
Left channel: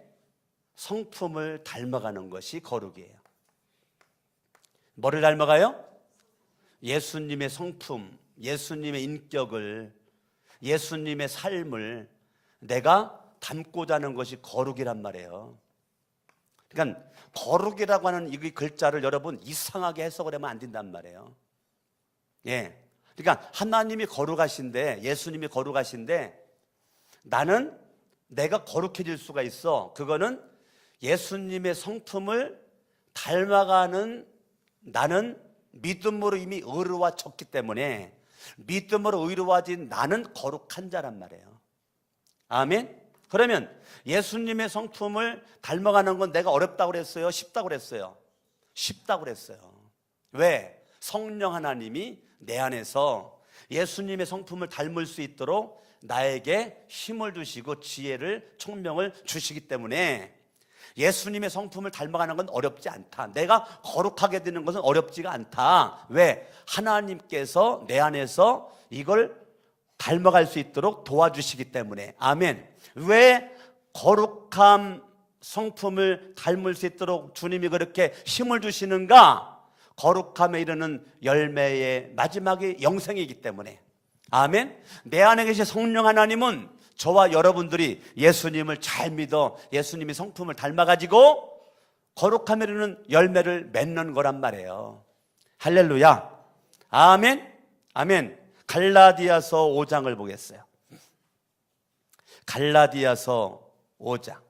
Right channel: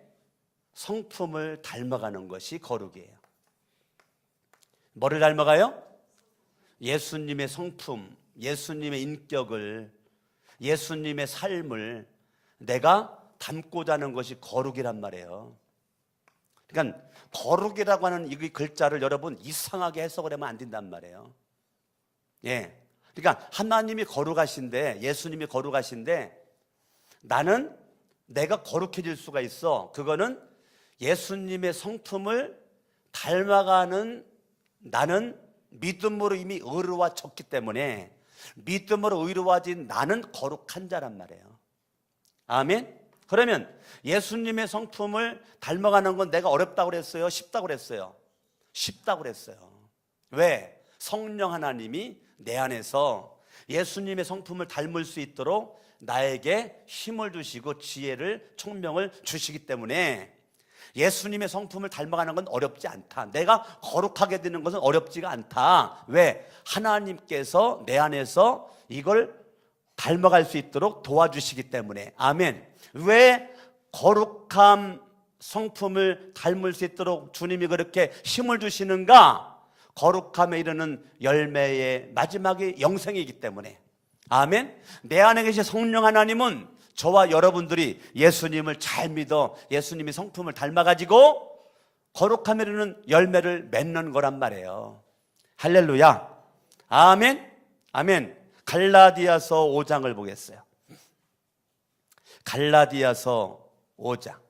성품을 닮아가는 것이 거룩이에요. 뭐를 닮아가요? 예수님의 성품, 예수님의 인격을, 예수님의 삶을 내가 담고자 하는 것이 거룩이란 말이에요. 그러니까 거룩이라고 하는 이 글자를 여러분 이상하게 해석을 하면 안 된단 말이에요. 예. 그러니까 하나님이 거룩하신데, 예수님이 거룩하신데 나는 내가 거룩해질 수가 있어. 그거는 예수님의 성품을 닮아가는 나는 믿음으로 이미 의로워졌기 때문에 믿음으로 의로워진 나는 거룩한 자란 말이에요. 아멘? 그러면 예수님의 성품을 닮아가는 건 내가 어렵다고 그랬어요? 쉽다고 그랬어요? 쉽다고 그랬어요. 왜? 성령 하나님이 내 안에서 예수님의 성품을 닮을 수 있도록 나에게 힘을 주시고 지혜를, 총명을 주시기 때문에 예수님의 성품을 닮아가는 건 어렵지 않다. 내가 거룩하게 되는 것은 어렵지가 않다. 왜? 하나님께서 내 안에서 이걸 닮아갈 수 있도록 도와주시기 때문에. 아멘. 왜 거룩한 성품을 닮을 수 있도록 주님이 그렇게 힘을 주시는가? 거룩함에 이르는 열매의 마지막이 영생이기 때문에. 아멘. 내 안에 계신 성령 하나님은 저와 여러분들이 예수님을 잘 믿어 예수님의 성품을 닮아가지고 거룩함에 이르는 열매를 맺는 거란 말이에요. 할렐루야. 아멘. 아멘. 갈라디아서 5장을 보겠어요. 갈라디아서 5장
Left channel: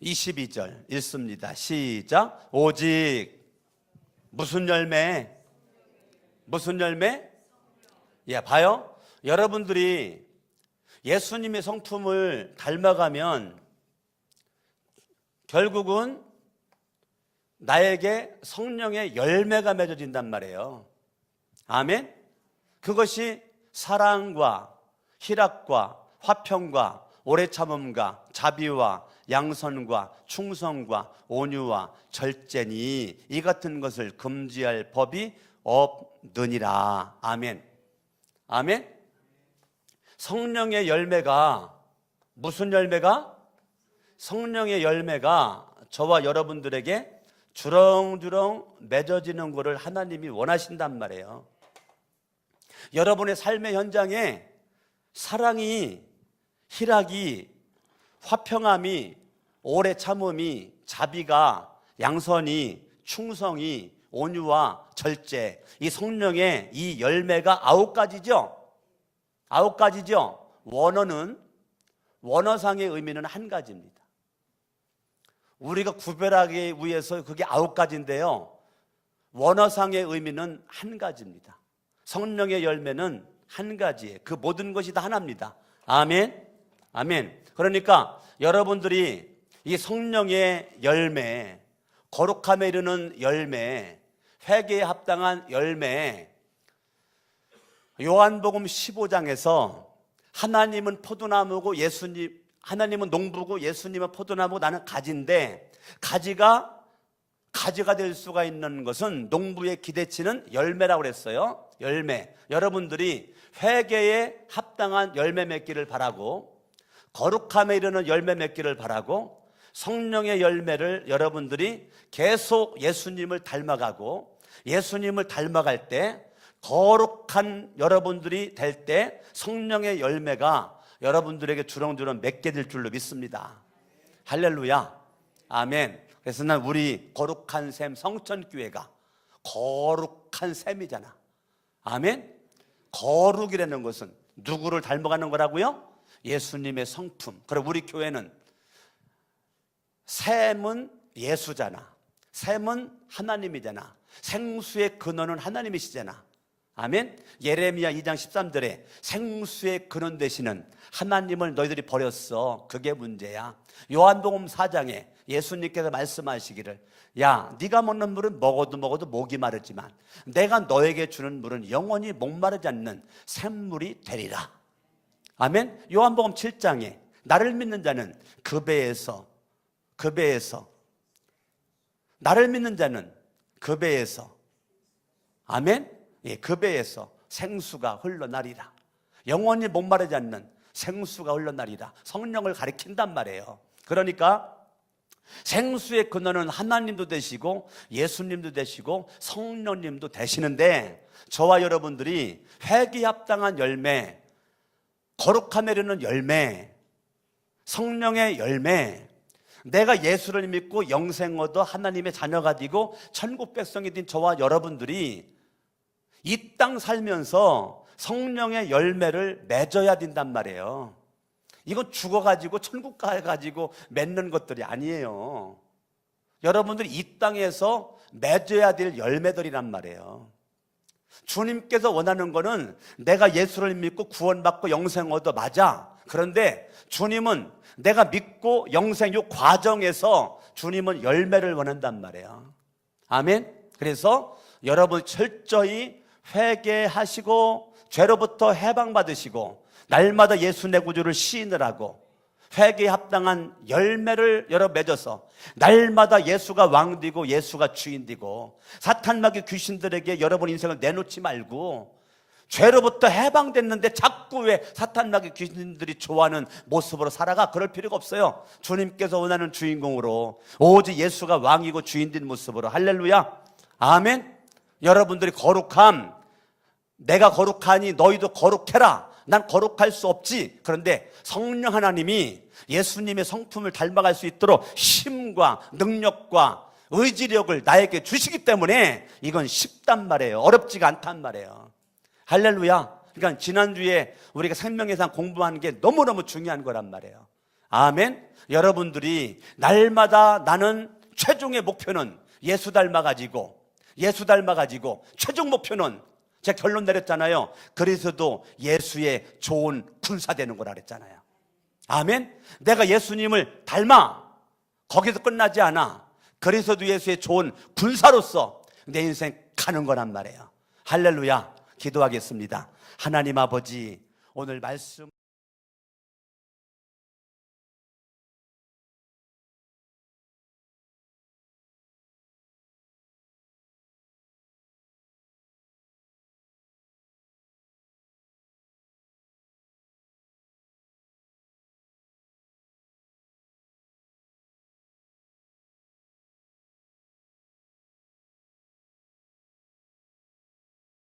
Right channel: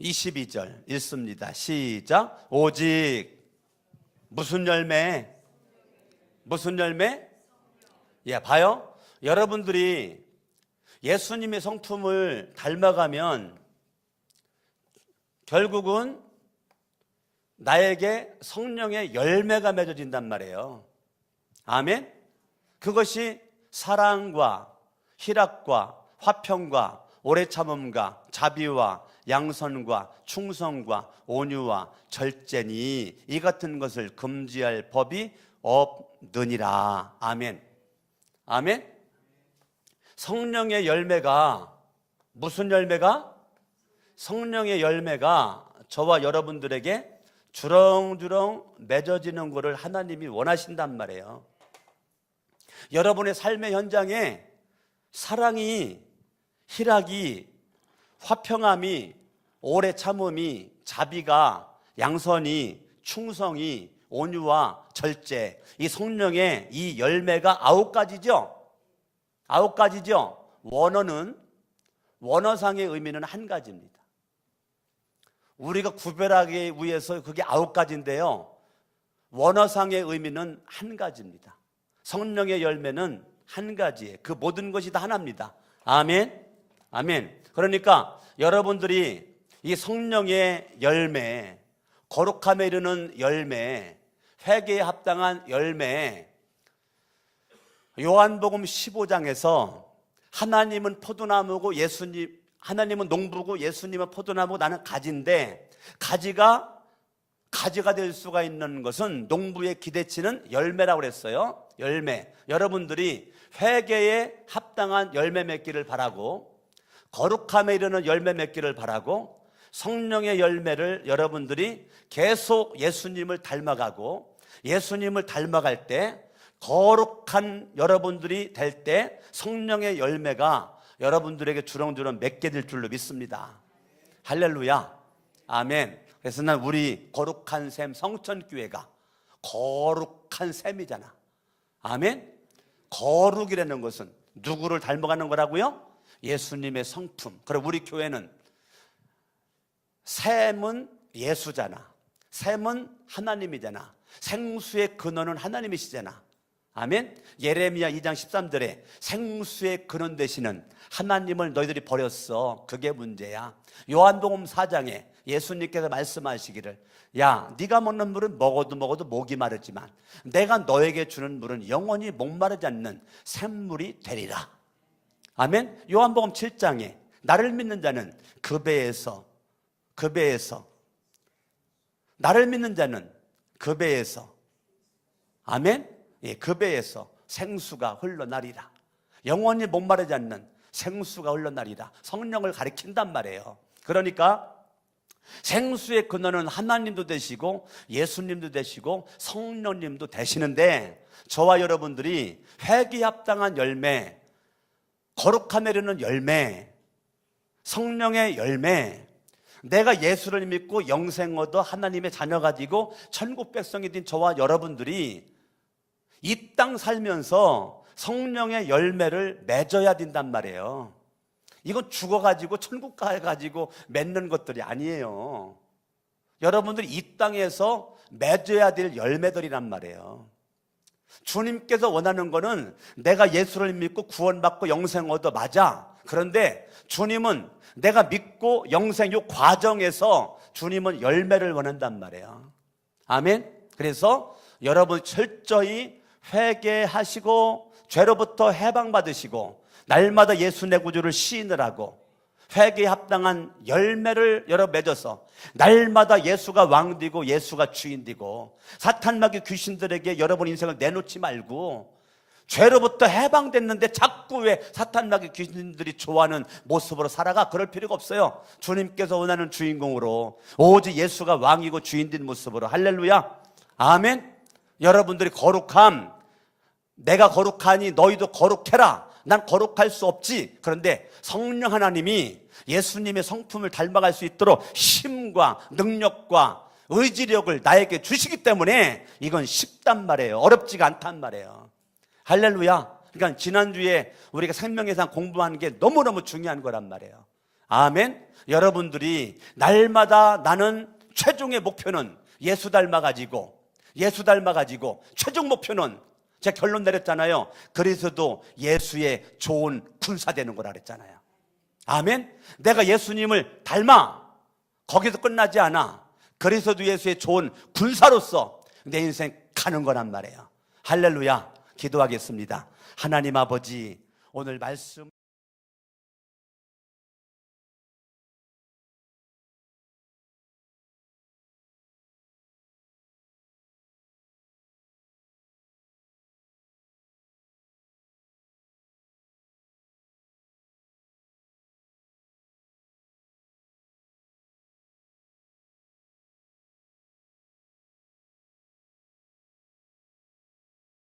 22절 읽습니다. 시작. 오직 무슨 열매? 무슨 열매? 예, 봐요. 여러분들이 예수님의 성품을 닮아가면 결국은 나에게 성령의 열매가 맺어진단 말이에요. 아멘. 그것이 사랑과 희락과 화평과 오래 참음과 자비와 양선과 충성과 온유와 절제니 이 같은 것을 금지할 법이 없느니라. 아멘. 아멘. 성령의 열매가 무슨 열매가? 성령의 열매가 저와 여러분들에게 주렁주렁 맺어지는 것을 하나님이 원하신단 말이에요. 여러분의 삶의 현장에 사랑이, 희락이, 화평함이, 오래 참음이, 자비가, 양선이, 충성이, 온유와 절제, 이 성령의 이 열매가 9가지죠? 9가지죠? 원어상의 의미는 한 가지입니다. 우리가 구별하기 위해서 그게 9가지인데요. 원어상의 의미는 한 가지입니다. 성령의 열매는 한 가지예요. 그 모든 것이 다 하나입니다. 아멘. 아멘. 그러니까 여러분들이 이 성령의 열매, 거룩함에 이르는 열매, 회개에 합당한 열매, 요한복음 15장에서 하나님은 포도나무고 하나님은 농부고 예수님은 포도나무고 나는 가지인데 가지가 될 수가 있는 것은 농부의 기대치는 열매라고 그랬어요. 열매. 여러분들이 회개에 합당한 열매 맺기를 바라고 거룩함에 이르는 열매 맺기를 바라고 성령의 열매를 여러분들이 계속 예수님을 닮아가고 예수님을 닮아갈 때 거룩한 여러분들이 될 때 성령의 열매가 여러분들에게 주렁주렁 맺게 될 줄로 믿습니다. 할렐루야. 아멘. 그래서 난 우리 거룩한 샘 성천교회가 거룩한 샘이잖아. 아멘. 거룩이라는 것은 누구를 닮아가는 거라고요? 예수님의 성품. 그래 우리 교회는 샘은 예수잖아. 샘은 하나님이잖아. 생수의 근원은 하나님이시잖아. 아멘. 예레미야 2장 13절에 생수의 근원 되시는 하나님을 너희들이 버렸어. 그게 문제야. 요한복음 4장에 예수님께서 말씀하시기를 야 네가 먹는 물은 먹어도 목이 마르지만 내가 너에게 주는 물은 영원히 목마르지 않는 샘물이 되리라. 아멘. 요한복음 7장에 나를 믿는 자는 그 배에서 그 배에서, 나를 믿는 자는 그 배에서, 아멘? 예, 그 배에서 생수가 흘러나리라. 영원히 목마르지 않는 생수가 흘러나리라. 성령을 가리킨단 말이에요. 그러니까 생수의 근원은 하나님도 되시고 예수님도 되시고 성령님도 되시는데, 저와 여러분들이 회개에 합당한 열매, 거룩함에 이르는 열매, 성령의 열매, 내가 예수를 믿고 영생 얻어 하나님의 자녀가 되고 천국 백성이 된 저와 여러분들이 이 땅 살면서 성령의 열매를 맺어야 된단 말이에요. 이거 죽어가지고 천국 가가지고 맺는 것들이 아니에요. 여러분들 이 땅에서 맺어야 될 열매들이란 말이에요. 주님께서 원하는 거는 내가 예수를 믿고 구원받고 영생 얻어, 맞아. 그런데 주님은 내가 믿고 영생 요 과정에서 주님은 열매를 원한단 말이에요. 아멘. 그래서 여러분 철저히 회개하시고 죄로부터 해방받으시고 날마다 예수 내 구주를 시인을 하고 회개에 합당한 열매를 여러 맺어서 날마다 예수가 왕되고 예수가 주인되고 사탄 마귀 귀신들에게 여러분 인생을 내놓지 말고, 죄로부터 해방됐는데 자꾸 왜 사탄 마귀 귀신들이 좋아하는 모습으로 살아가? 그럴 필요가 없어요. 주님께서 원하는 주인공으로 오직 예수가 왕이고 주인된 모습으로. 할렐루야, 아멘. 여러분들이 거룩함, 내가 거룩하니 너희도 거룩해라. 난 거룩할 수 없지. 그런데 성령 하나님이 예수님의 성품을 닮아갈 수 있도록 힘과 능력과 의지력을 나에게 주시기 때문에 이건 쉽단 말이에요. 어렵지가 않단 말이에요. 할렐루야. 그러니까 지난주에 우리가 생명의상 공부하는 게 너무너무 중요한 거란 말이에요. 아멘. 여러분들이 날마다 나는 최종의 목표는 예수 닮아가지고 최종 목표는 제가 결론 내렸잖아요. 그래서도 예수의 좋은 군사 되는 거라 그랬잖아요. 아멘. 내가 예수님을 닮아 거기서 끝나지 않아. 그래서도 예수의 좋은 군사로서 내 인생 가는 거란 말이에요. 할렐루야. 기도하겠습니다. 하나님 아버지, 오늘 말씀